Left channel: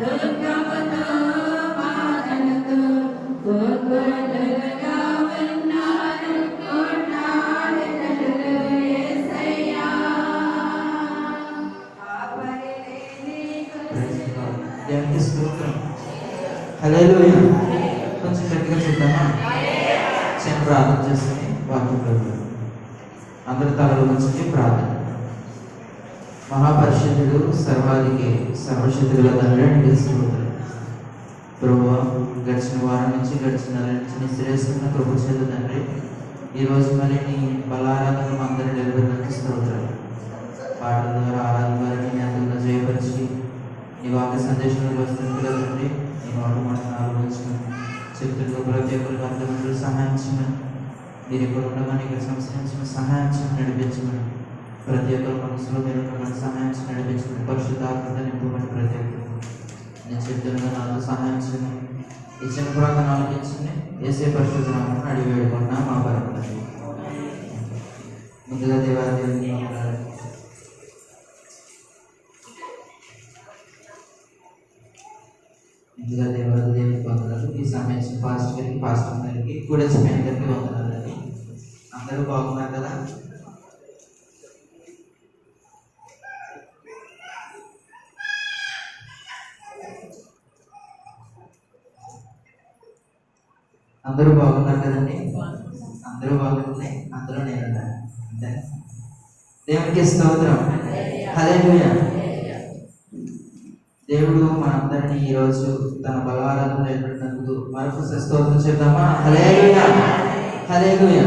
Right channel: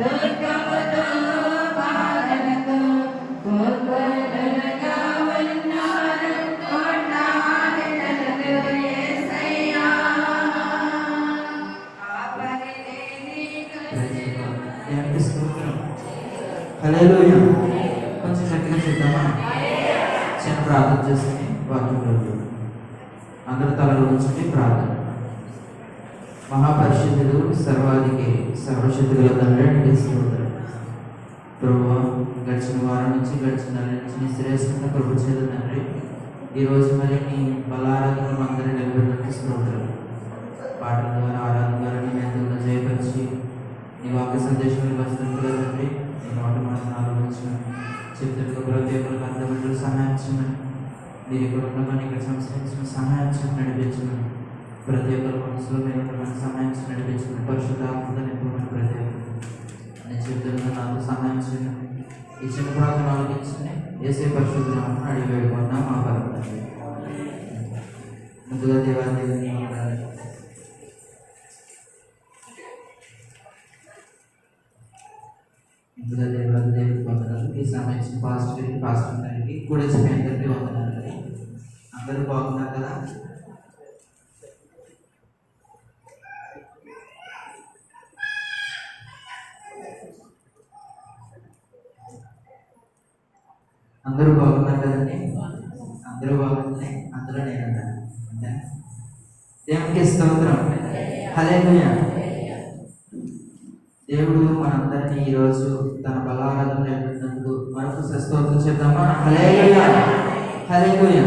దుర్గముతో బాధలతో కోపంలుగా ఉన్నారు కోట్లాడినట్లు యేసయ్యా. దేవునికి స్తోత్రం. హల్లెలూయా. కొంచెం గట్టిగా చూద్దామా? చిన్న ప్రార్థన చేసుకుని వాక్యంలో అందరి తలలు ఉంచి ప్రార్థన. మహాపరిశుద్ధుడు, సర్వాధికి, సర్వశక్తుల తండ్రి నీకు స్తోత్రం. ప్రభువా, గడిచిన వారం నుంచి గడిచిన నెల నుంచి శ్రేష్ఠమైన కృప చేత తండ్రి ఈరోజు మరి నీ బలారాధనలు అందరూ నిలబెట్టినందుకు స్తోత్రం. పాటల ద్వారా ఆరాధన ద్వారా నీ అందరిలో జయపరిచి నీ వాక్య సందేశంలో వచ్చినట్టుగా తండ్రి నీ వాటి మాట ఆలోచించిన చెప్తున్న ప్రతి ఒక్కరికి అర్థమంలో సహాయించమని మీరు ఇక్కడ ఉండగానే ఇక్కడ సంస్కరించిన సహాయించమని నడిపించమని ప్రతి ఒక్కరి మనసులో మీరు ఇక్కడ సహాయించి నడిపించమని పరిశుద్ధాత్మతో నింపమని ప్రతి ఒక్కరు నేను చెప్తున్న నాతో సహాయించమని ఈ చిన్న ప్రాంతం ఆలోచించండి. ఏసే పరిశుద్ధనామని అడిగి వేడుకున్నా మా పరమతండ్రి. ముందుగా దేవాదేవుని ముందుగా దేవాదేవుని వందనాలు. ఈ సమయం పాస్టర్ గారికి కూడా అందరికీ వందనాలండి. అందరూ బాగున్నారు కదా? అందరూ బాగున్నారు కదండి? అందరూ బాగున్నాయి. అందులో నేను అంతే. దేవునికి స్తోత్రం. హల్లెలూయా. దేవుడు మనందరినీ ఈరోజు తన బలారాధన నేర్పినందుకు మరొక స్తోత్రం చెప్దామా? హల్లెలూయా. హల్లెలూయా.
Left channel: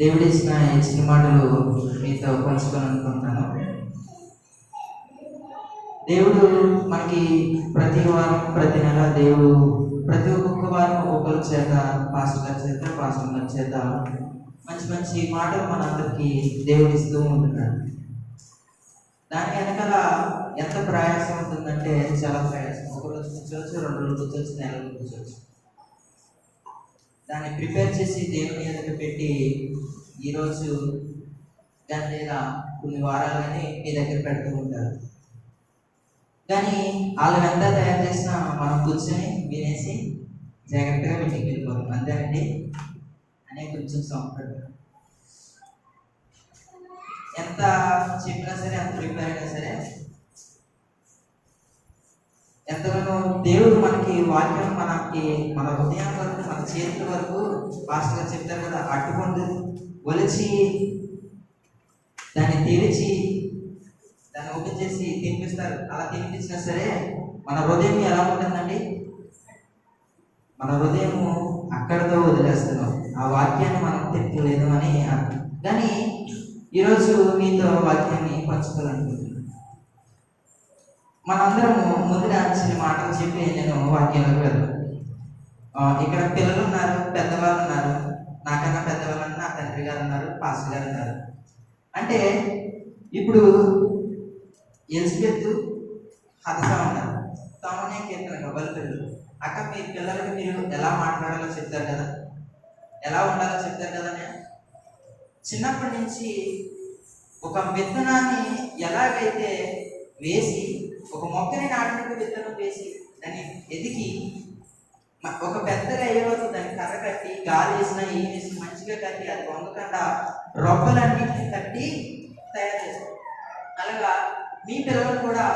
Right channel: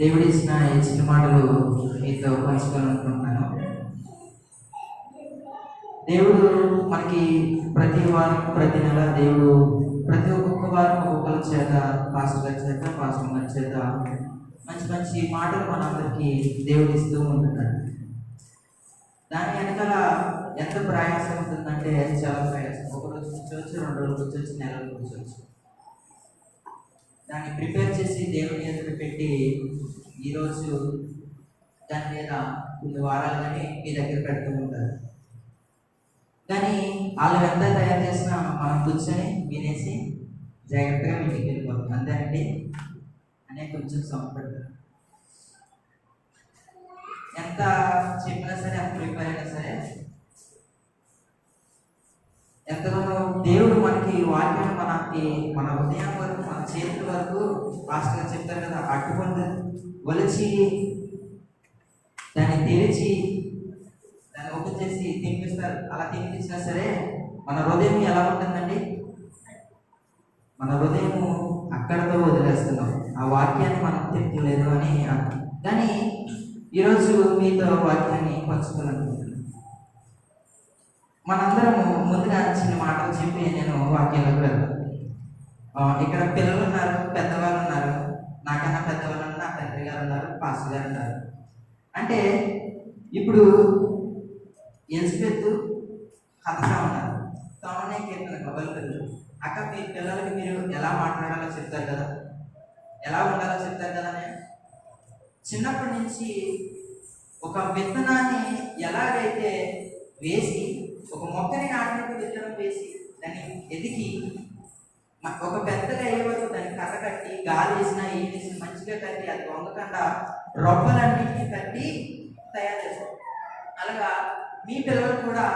దేవుడు ఇచ్చిన ఈ చిన్న మాటలు మీతో పంచుకోవాలనుకుంటున్నాను. దేవుడు మనకి ప్రతి వారం ప్రతి నెల దేవుడు ప్రతి ఒక్కొక్క వారం ఒక్కొక్కరి చేత పాస్టర్ గారి చేత పాస్టర్ గారి చేత మంచి మంచి మాటలు మనందరికీ దేవుడు ఇస్తూ ఉంటున్నాడు. దాని వెనకాల ఎంత ప్రయాసం ఉంటుందంటే చాలా ప్రయాసం. ఒక రోజు కూర్చోవచ్చు, 2 రోజులు కూర్చోవచ్చు, నెలలు కూర్చోవచ్చు. దాన్ని ప్రిపేర్ చేసి దేవుని ఎదురు పెట్టి ఈరోజు దాని లేదా కొన్ని వారాలని మీ దగ్గర పెడుతూ ఉంటారు. కానీ వాళ్ళు ఎంత తయారు చేసినా మనం కూర్చొని వినేసి జాగ్రత్తగా ఇంటికి వెళ్ళిపోతాం. అంతేనండి అనే కొంచెం సంపడతారు. ఎంత చెప్పినా సరే, ఎంత ప్రిపేర్ అయినా సరే, ఎంతగానో దేవుడు మనకి వాక్యం మనకి మన హృదయం వరకు మన చేతుల వరకు పాస్టర్ గారు చెప్తారు కదా, అట్టుకుంటూ ఒలిచి దాన్ని తెరిచి దాన్ని ఓపెన్ చేసి తినిపిస్తారు. అలా తినిపించినా సరే మన హృదయం ఎలా ఉంటుందండి? మన హృదయము అక్కడితో వదిలేస్తున్నాం. ఆ వాక్యాన్ని మనం తిప్పలేదు అని అర్థం. కానీ ఈరోజు మీతో వాక్యాన్ని పంచుకోవాలనుకుంటున్నాను. మనందరము ముందుగా చిన్న మాటలు చెప్పి నేను వాక్యాలకు వెళ్తాను. ఇక్కడ పిల్లలు ఉన్నారు, పెద్దవాళ్ళు ఉన్నారు, నాకన్నా పెద్దవాళ్ళు ఉన్నారు, నా తండ్రి గారు ఉన్నారు, పాస్టర్ గారు ఉన్నారు. అంటే ఇప్పుడు ఎలిజబెత్ హతసా ఉన్నారు. తమనే కీర్తన కబల్ పిల్లలు. అక్క మీ పిల్లలకి మీరు ఎలా మాట్లాడాలో చెప్తారు కదా, ఎలా ఉండాలో చెప్తారు కదా. నేను చిన్నప్పటి నుంచి ఒక విత్తనాన్ని ఎలాగైతే వేసి ఒక మొక్కని నాటినట్టు విత్తనం వేసి దాన్ని ఎదిగి ఒక పెద్దగా అయ్యే వరకు దాన్ని కర్ర కట్టి గాలి వేసినా ఏం వేసి మంచిగా కట్టి అది వంగకుండా రొప్పలన్నింటినీ కట్టి తయారు చేస్తారు. అలాగా మీ పిల్లలు కూడా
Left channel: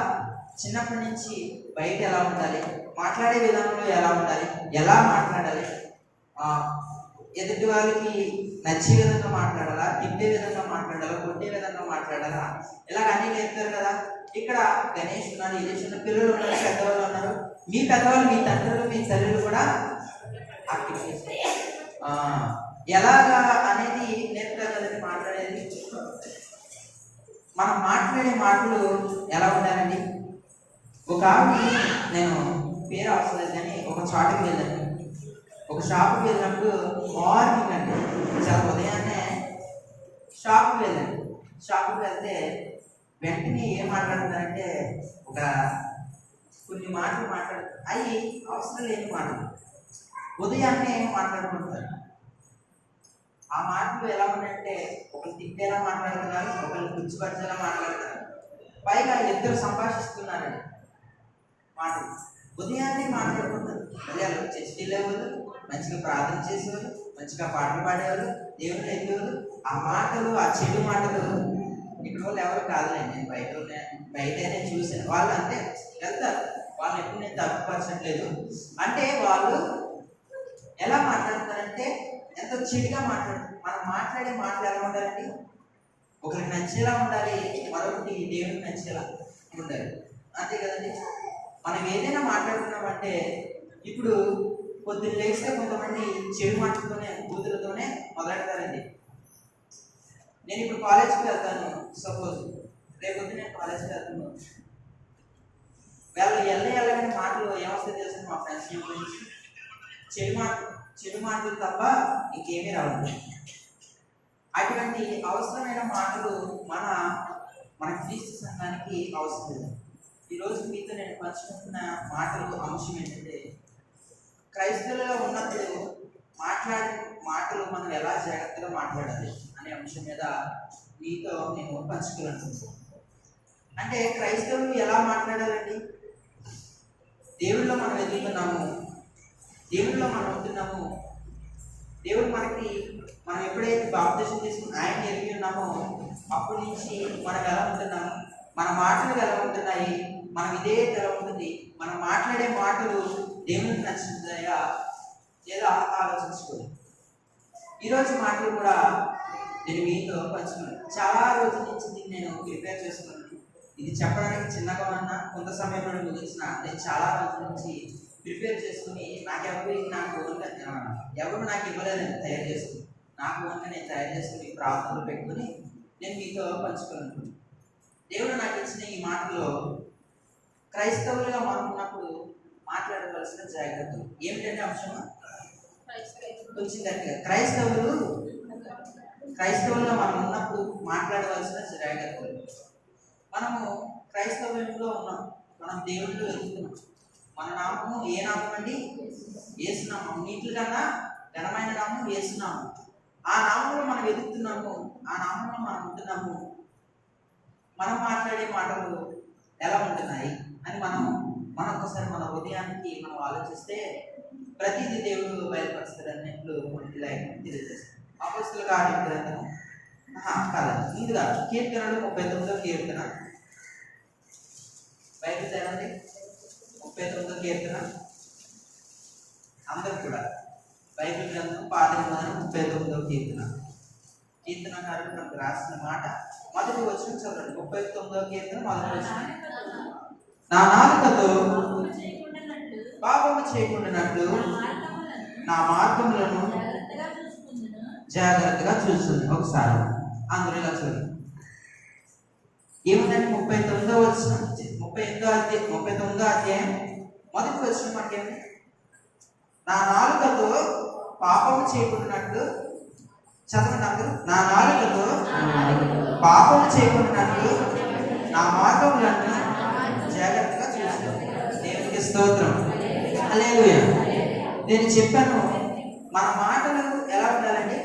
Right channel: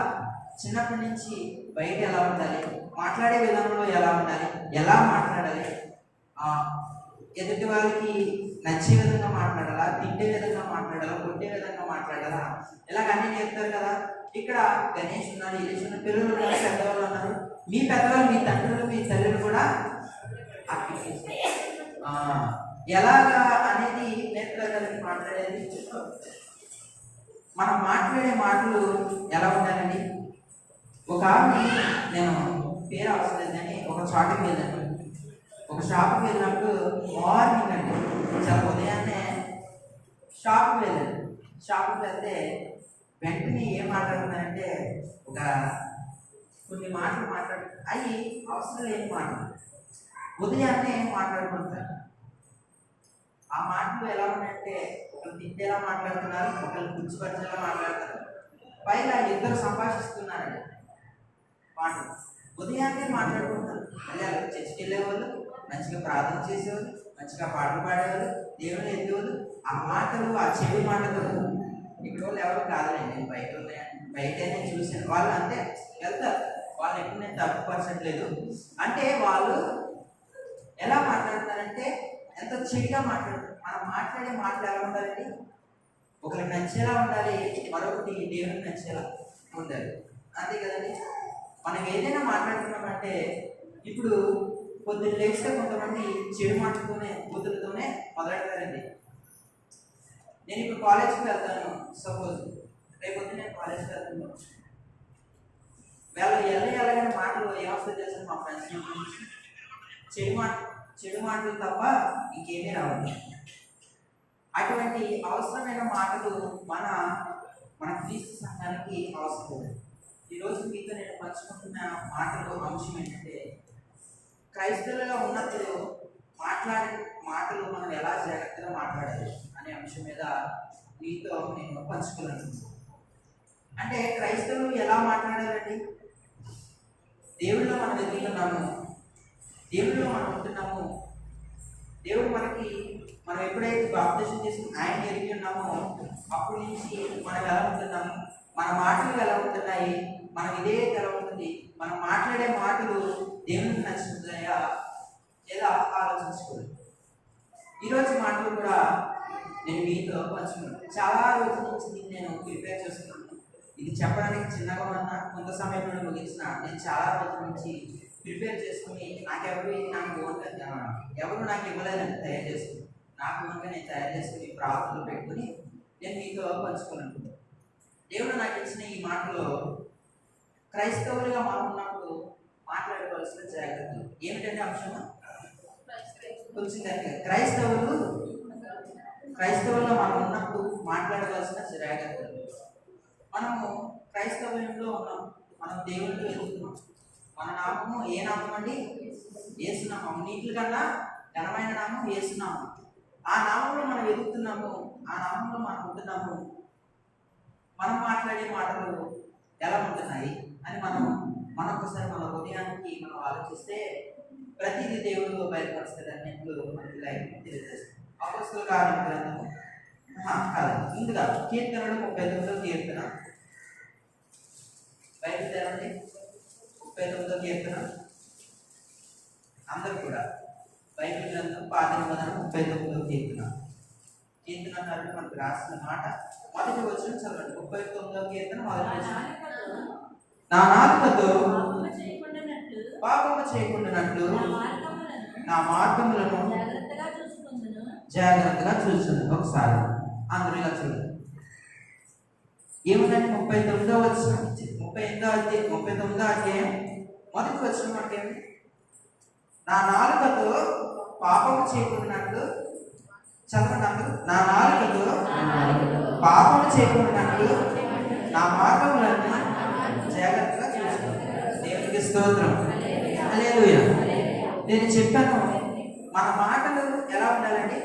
చిన్నప్పటి నుంచి బయట ఎలా ఉండాలి, మాట్లాడే విధానంలో ఎలా ఉండాలి, ఎలా మాట్లాడాలి, ఎదుటి వాళ్ళకి నచ్చే విధంగా మాట్లాడాలా, తిట్టే విధంగా మాట్లాడాలా, కొట్టే విధంగా మాట్లాడాలా, ఇలాగ అన్నీ నేర్పుతారు కదా. ఇక్కడ గణేష్ ఉన్నారు, ఇలేష్ ఉన్నారు, పిల్లలు ఉన్నారు, పెద్దవాళ్ళు ఉన్నారు. మీ పెద్దవాళ్ళు, మీ తండ్రులు, మీ తల్లులు కూడా యాక్టివ్ చేస్తారు. ఎలాగా అనేది నేర్పుతారు కదండి మాట్లాడేది. మనం మాట్లాడే మాటలు ఎలా ఉండాలండి? ఒక ఆమె, నేను పేరు అవసరం లేదు కానీ ఒక చోటకి వెళ్ళాను. ఒక షాప్కి వెళ్ళినప్పుడు మార్నింగ్ అండి, చాలా ఉదయాన్నే షాప్కి వెళ్ళాను. షాప్కి వెళ్తే వెంటనే ఏం మాట్లాడుతున్నారంటే ఒక కొన్ని మాటలు అవి అవసరం లేని మాటలు ఉదయాన్నే మాట్లాడుకుంటారు. ఆ మాటలు ఎలా ఉన్నాయంటే ఒకరు తిట్టేలా మాట్లాడుతున్నారు, ఒకరు కూర్చోబెట్టేలా మాట్లాడుతున్నారు. పైగా ఇద్దరు సంభాషిస్తున్నారండి. మాటలు ఉదయాన్నే మాట్లాడుకుంటారు. మళ్ళీ అలా చర్చికి వెళ్ళేవాళ్ళు, మంచిగా ప్రార్థన చేసేవాళ్ళు, మంచిగా పాటలు పాడేవాళ్ళు, దేవుని ఎత్తేవాళ్ళు. ఆ మాటలు, ఆ చెడు మాటలు ఇక్కడ వాళ్ళు ఎవరు కాదులేండి. నేను బయట నేను చూసాను. వాళ్ళు అంతే వెళ్తారు. వాళ్ళు ఎప్పుడు నేను తప్పుపరచట్లేదు. అంటే వాళ్ళు ఎలా మాట్లాడతారంటే ఎంతో చెడుగా మాట్లాడతారు. మనం మాట్లాడే మాటలు ఎలా ఉండాలండి? ఒకరికి నచ్చేలా ఉండాలి, మరొకటి దేవుడికి నచ్చేలా ఉండాలి. అంతే కదండి. మనం ఏదైనా మాట్లాడుతున్నామంటే ఇప్పుడు పొద్దున్న లేస్తే కొంతమంది చెడు మాటలతోనే, బూతులతోనే మొదలెడతారండి. నేను ఇప్పుడు కాలేజ్కి వెళ్తాను, సపోజ్ రేపొద్దు నేను కాలేజ్కి వెళ్తున్నాను. వాళ్ళు వెళ్ళగానే మాటలు ఏమొస్తాయి తెలుసు? మా ఫ్రెండ్స్ గురించి చెడు మాటలు తప్ప ఇంకేమీ రావాలి. అటువంటి అవసరమైన మాటలు మన క్రీస్తు సంఘానికి అవసరం లేదు. ఈరోజు మీతో నేను పంచుకుంటున్న మాటలు అంశం ఏంటంటే, క్రైస్తవులుగా ఉన్నప్పుడు మాట్లాడే మాటలు మనం ఎలా జాగ్రత్తగా మాట్లాడాలి అనే అంశం మీద మీతో నేను పంచుకోవాలనుకుంటున్నాను. అంటే క్రైస్తవులు ఎలా మాట్లాడాలండి? దేవుళ్ళలో మనం ఎదుగుతున్నాము, దేవుళ్ళలో మనం ఉంటున్నాము. దేవుడు మనం ఎప్పుడైతే బాప్తిసం తీసుకుని ఆయన ఎరిగి ఉన్నామో అప్పటి నుంచి మనం ఎలా ఉంటున్నాము, మన మాటలు ఎలా ఉంటున్నాయి, మన విధేయత ఎలా ఉంటుంది, మనం మాట్లాడే మాటలు దేవునికి నచ్చుతున్నాయా లేదా ఆలోచించుకోవాలి. ఈరోజు మాటలు కూడా నేను మీతో పంచుకున్నాను. చాలా రోజుల నుంచి దీన్ని నేను ప్రిపేర్ చేసుకున్నాను. ఇది చెప్పడానికి చిన్నగా ఉన్నా కొంత సమయంలో ముగించిన నేను చాలా రోజుల నుంచి ప్రిపేర్ చేసుకుని ఎవరు నాకు ఇవ్వలేదని తయారు చేసుకుని నాకు ఓన్గా నేను తయారు చేసుకుని ప్రార్థనలు పెట్టుకుని నేను మీతో పంచుకోవాలనుకున్నాను. దేవుడు నాకు ఇచ్చిన ఈ మాటలో క్రైస్తవులుగా మనం ఉన్నప్పుడు మాట్లాడవలసిన జాగ్రత్తలు ఏమిటంటే అంశం కొంచెం గట్టిగా. క్రైస్తవులుగా మనం ఉన్నప్పుడు మాట్లాడవలసిన జాగ్రత్తలు. మనము క్రైస్తవ్యంలో ఉన్నాం, మనం దేవుడిలో ఎదుగుతున్నాం. మన నామము ఏ నామం అండి? యేసునామం. నీటి కన్నా ఘనమైన నామం యేసునామం. ఆ నామంలో మనం ఎదుగుతున్నాము, ఆ నామంలో మనం ఉంటున్నాము. మనం మాట్లాడే మాటలు ఎలా ఉంటున్నాయి అని మనం ఒక్కసారి మన హృదయానికి మనం ఆలోచిస్తే ప్రతిదీ దేవుడు బయలుపరుస్తాడు అన్నట్లు మనకి లైఫ్ తెలియజేస్తాం. అపొస్తలుల కార్యం గ్రంథము కాదు, ముందుగా కీర్తనలు 39వ కీర్తన బయట తేరండి. 39వ కీర్తన అందరూ కూడా బైబిల్ గ్రంథం పాత నిబంధన 39వ కీర్తనకారుడు మనకు రాసిన మాట మొదటి వచనం చదవండి. 39వ కీర్తన మొదటి వచనం. నా నాలుకతో పాపము చేయకుండానట్లు నా మార్గములను జాగ్రత్తగా చూస్తుంది. ఒకసారి అందరూ ఇలా చూడండి. ఏమిటంటే 39వ వచనం, 39వ అధ్యాయం మొదటి వచనం అంటే ఏమి? నా నాలుకతో పాపము చేయకుండానట్లు, చదవండి అందరూ. నా నాలుకతో పాపము చేయకుండానట్లు నా మార్గములను జాగ్రత్తగా చూస్తుంది. దేవునికి స్తోత్రం. హల్లెలూయా. నేను చెప్పాను మన మాటలు ఎలా ఉండాలండి?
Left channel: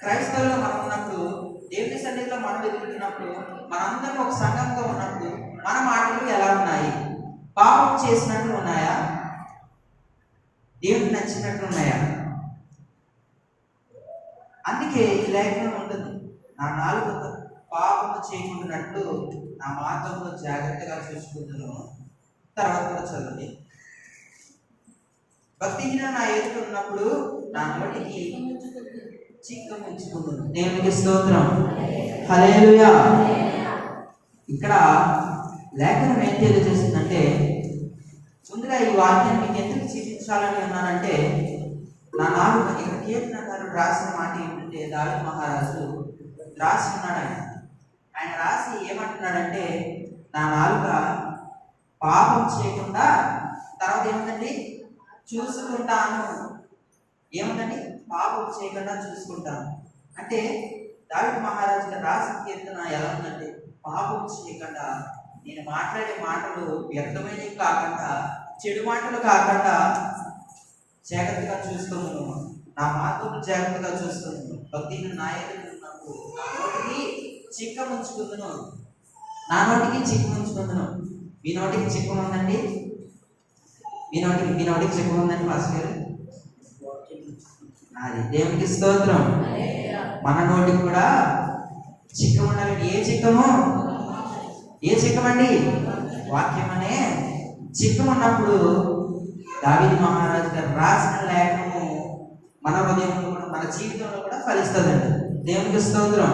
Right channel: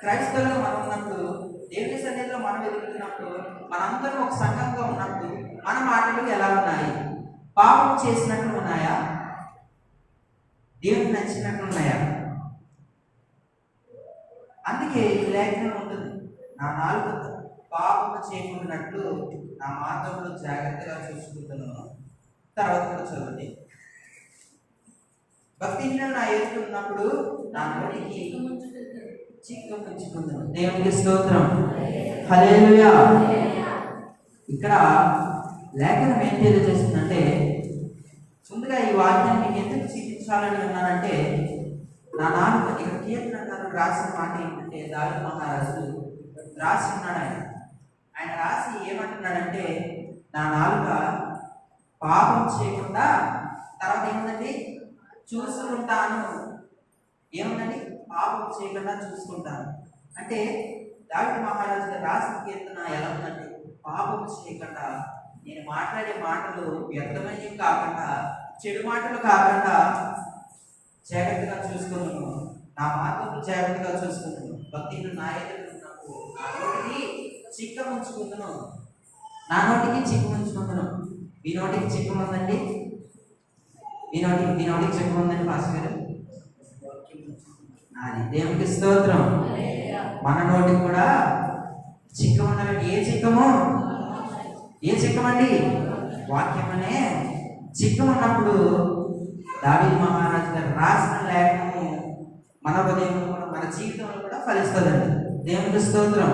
క్రైస్తవులుగా మనం ఉన్నప్పుడు, దేవుని సన్నిధిలో మనం ఎదుగుతున్నప్పుడు, మనందరం ఒక సంఘంగా ఉన్నప్పుడు మన మాటలు ఎలా ఉన్నాయి? పాపం చేసినట్లు ఉన్నాయా? దేవునికి నచ్చినట్లు ఉన్నాయా? అందుకే ఈ లేఖనం ఉంటుంది, నా నాలుకతో పాపము చేయకుండానట్లు నా మార్గంలో జాగ్రత్తగా చూసుకుంటున్నాను. తర్వాత కూడా చదవండి. భక్తిహీన నా ఎదుట ఉన్నప్పుడు నా నోటికి చిక్క ముంచుకుందును. దేవునికి స్తోత్రం. హల్లెలూయా. ఇక్కడ లేఖనం ఏం తెలియజేస్తుందంటే, ముందుగా ఈ వాక్యాన్ని మీకు ఎందుకు చూపించాలని ఉన్నానంటే, నా నాలుక ఇక్కడ కీర్తనకారుడు రాసిన మాట ఏంటంటే, దావీదు మహారాజు రాసి ఉన్నాడు. ఆయన రాసి ఏమంటున్నాడంటే, నా నాలుక పాపం చేయకుండా, తర్వాత ఏముందండి? చూసుకుంటాను. ఏముందండి? పాపం చేయకుండా చూసుకుంటాను. అంటే దావీదు మహారాజు రాసిన కీర్తన ఎలా ఉందంటే, పాపం చేయకుండా, నేను మాట్లాడే మాటలు వ్యర్థమైనవి కాకుండా, చెడు మాటలు కాకుండా జాగ్రత్తగా చూసుకున్నాను. నా మార్గము జాగ్రత్తగా చూసుకున్నాను. భక్తిని నా ఎదుట ఉన్నప్పుడు నా నోటికి చిక్క ముంచుకుందును. నా నోటికి చిక్కు ముంచుకుందును. మీ నోటికి చిక్కు ఉందండి? మీ నోటికి చిక్కం ఉందండి పాస్టర్ గారు? అది దేవునికి స్తోత్రం. మన నోటికి కూడా చిక్కం ఉండాలండి. ఏ చిక్కము? ఏ చిక్కమండి? వాక్యం అనే చిక్కం ఉన్నప్పుడు దావీదు మహారాజు గారు రాసిన లేఖనము మన హృదయంలో కూడా మన జీవితంలో కూడా ఫలిస్తుందండి. దేవునికి స్తోత్రం.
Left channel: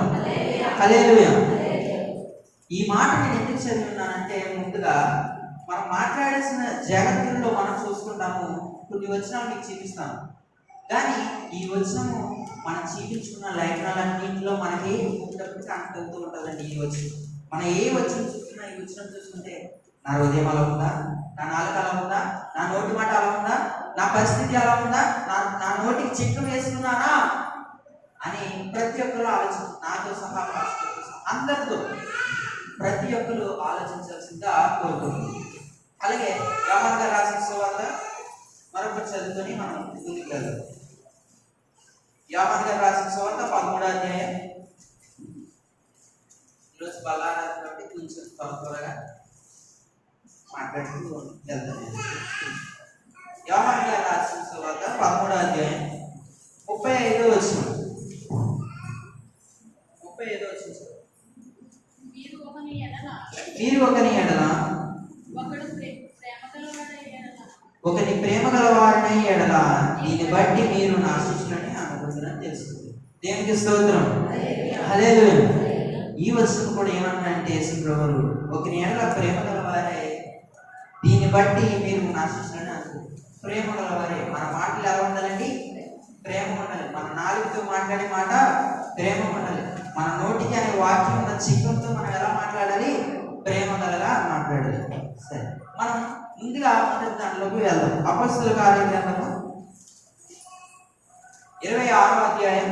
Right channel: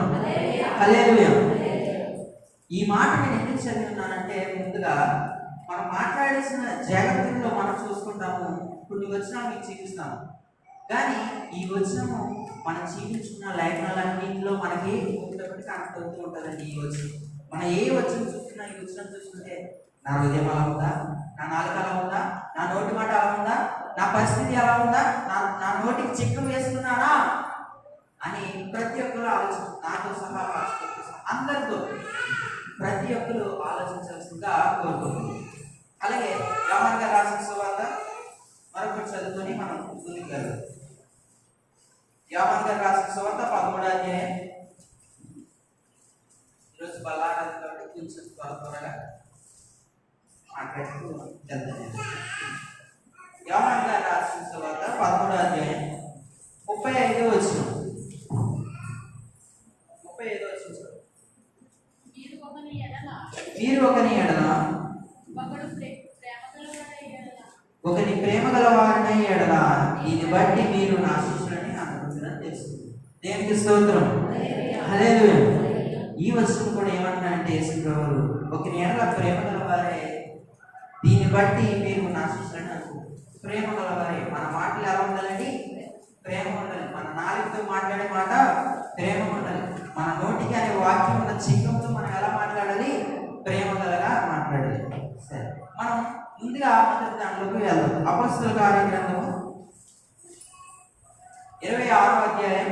హల్లెలూయా. ఈ మాట నేను ఎందుకు చదివిన్నానంటే, ముందుగా మనం మాట్లాడాల్సిన జాగ్రత్తల్లో మనం చూసుకుంటాము. కొన్ని వచనాలు మీకు చూపిస్తాను, కానీ ఈ వచనము మనం చూపించుకున్న లేఖనాలన్నింటిలో మనకి ఒకటి కనెక్ట్ అవుతూ ఉంటుందండి. ఈ వచనం మనం ఏ వచనం చూస్తున్నా, ఈ వచనం చూస్తుంటే నా హృదయం అలా ఉందా, నా నాలుక అలా ఉందా, నా నోటి మాట అలా ఉందా, నా పరిస్థితి అలా ఉందా, నా నోటికి చిక్కం వేస్తున్నానా అని ప్రతి ఒక్కరు ఆలోచించు. నాతో సహా అందరితో ప్రతి ఒక్కరు ఆలోచించాల్సిందిగా కోరుకుంటుంది. అలాగే యోహాను గారు రాసిన సువార్త మరొకటి చదువుకొని మనం ముందుకు వెళ్దాం. యోహాను గారు రాసిన సువార్త 13వ అధ్యాయం. ఈరోజు బల్లారాజు కాబట్టి కొంచెం త్వరగా మాట్లాడుతూ వెళ్తాను. యోహాను గారు రాసిన సువార్త 13వ అధ్యాయం 35వ వచనం. 35వ వచనం. మీరు ఒకని ఎడల ఒకని ప్రేమ గలవారనే ఎడల దీన్ని బట్టి మీరు నా శిష్యులని అనుకుంటున్నారని తెలుస్తుంది. దేవునికి స్తోత్రం. హల్లెలూయా. ఈ వచనం కూడా ఏమన్నారంటే, యేసుప్రభువు ఒకని ఎడల ప్రేమ గలవారే దీన్ని బట్టి మీరు నా శిష్యులని అనుకుంటున్నారు. ప్రేమ గలవారే. మన మాటలు ఎలా ఉండాలండి? ప్రేమ ఉండాలి. మన నాలుగుతో మాట్లాడే మాట ప్రేమ ఉండాలి. మన నోటికి అనే వాక్యం ఉన్న చిక్కంతో మనం ఎలా మాట్లాడాలి? ప్రేమ గలగా మాట్లాడాలి. సరే, మనం ముందుగా దాంట్లోకి వెళ్దాం. అపొస్తలుల కార్యగ్రంథము 26వ అధ్యాయం.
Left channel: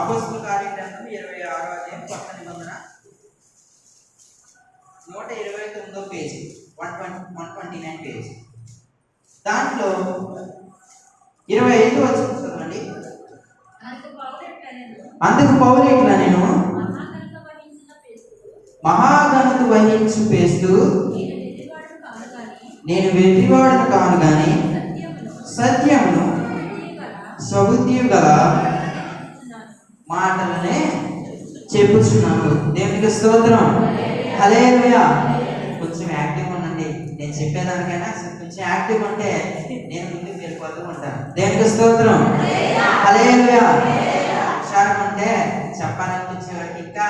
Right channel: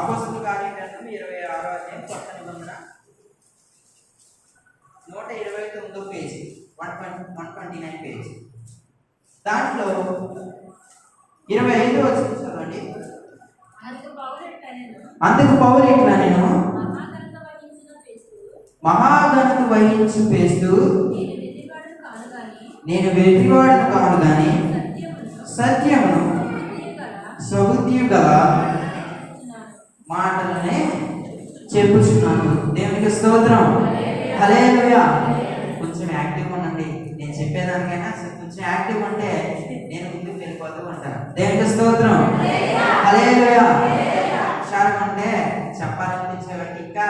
అపొస్తలుల కార్యగ్రంథం 26వ అధ్యాయం కొత్త నిబంధన 129వ పేజీ, 129 పేజీ. దాంట్లో 25వ వచనం చదవండి. అందుకు పౌలు ఇట్లా, నేను మహాఘనత వహించి పేస్తూ నేను వెర్రివాడను కాను గాని సత్యమును స్వబుద్ధి గల మాటలనే చెప్పుచున్నాను. దేవునికి స్తోత్రం. హల్లెలూయా. కొంచెం యాక్టివ్ ఉండండి. నేను చెప్పేదానికైనా కొంచెం యాక్టివ్ ఉంటే నేను ముందుకు వెళ్ళిపోతూ ఉంటాను. దేవునికి స్తోత్రం. హల్లెలూయా. హుషారుగా ఉంటే చెప్పాలనిపించేవాడికి ఇంకా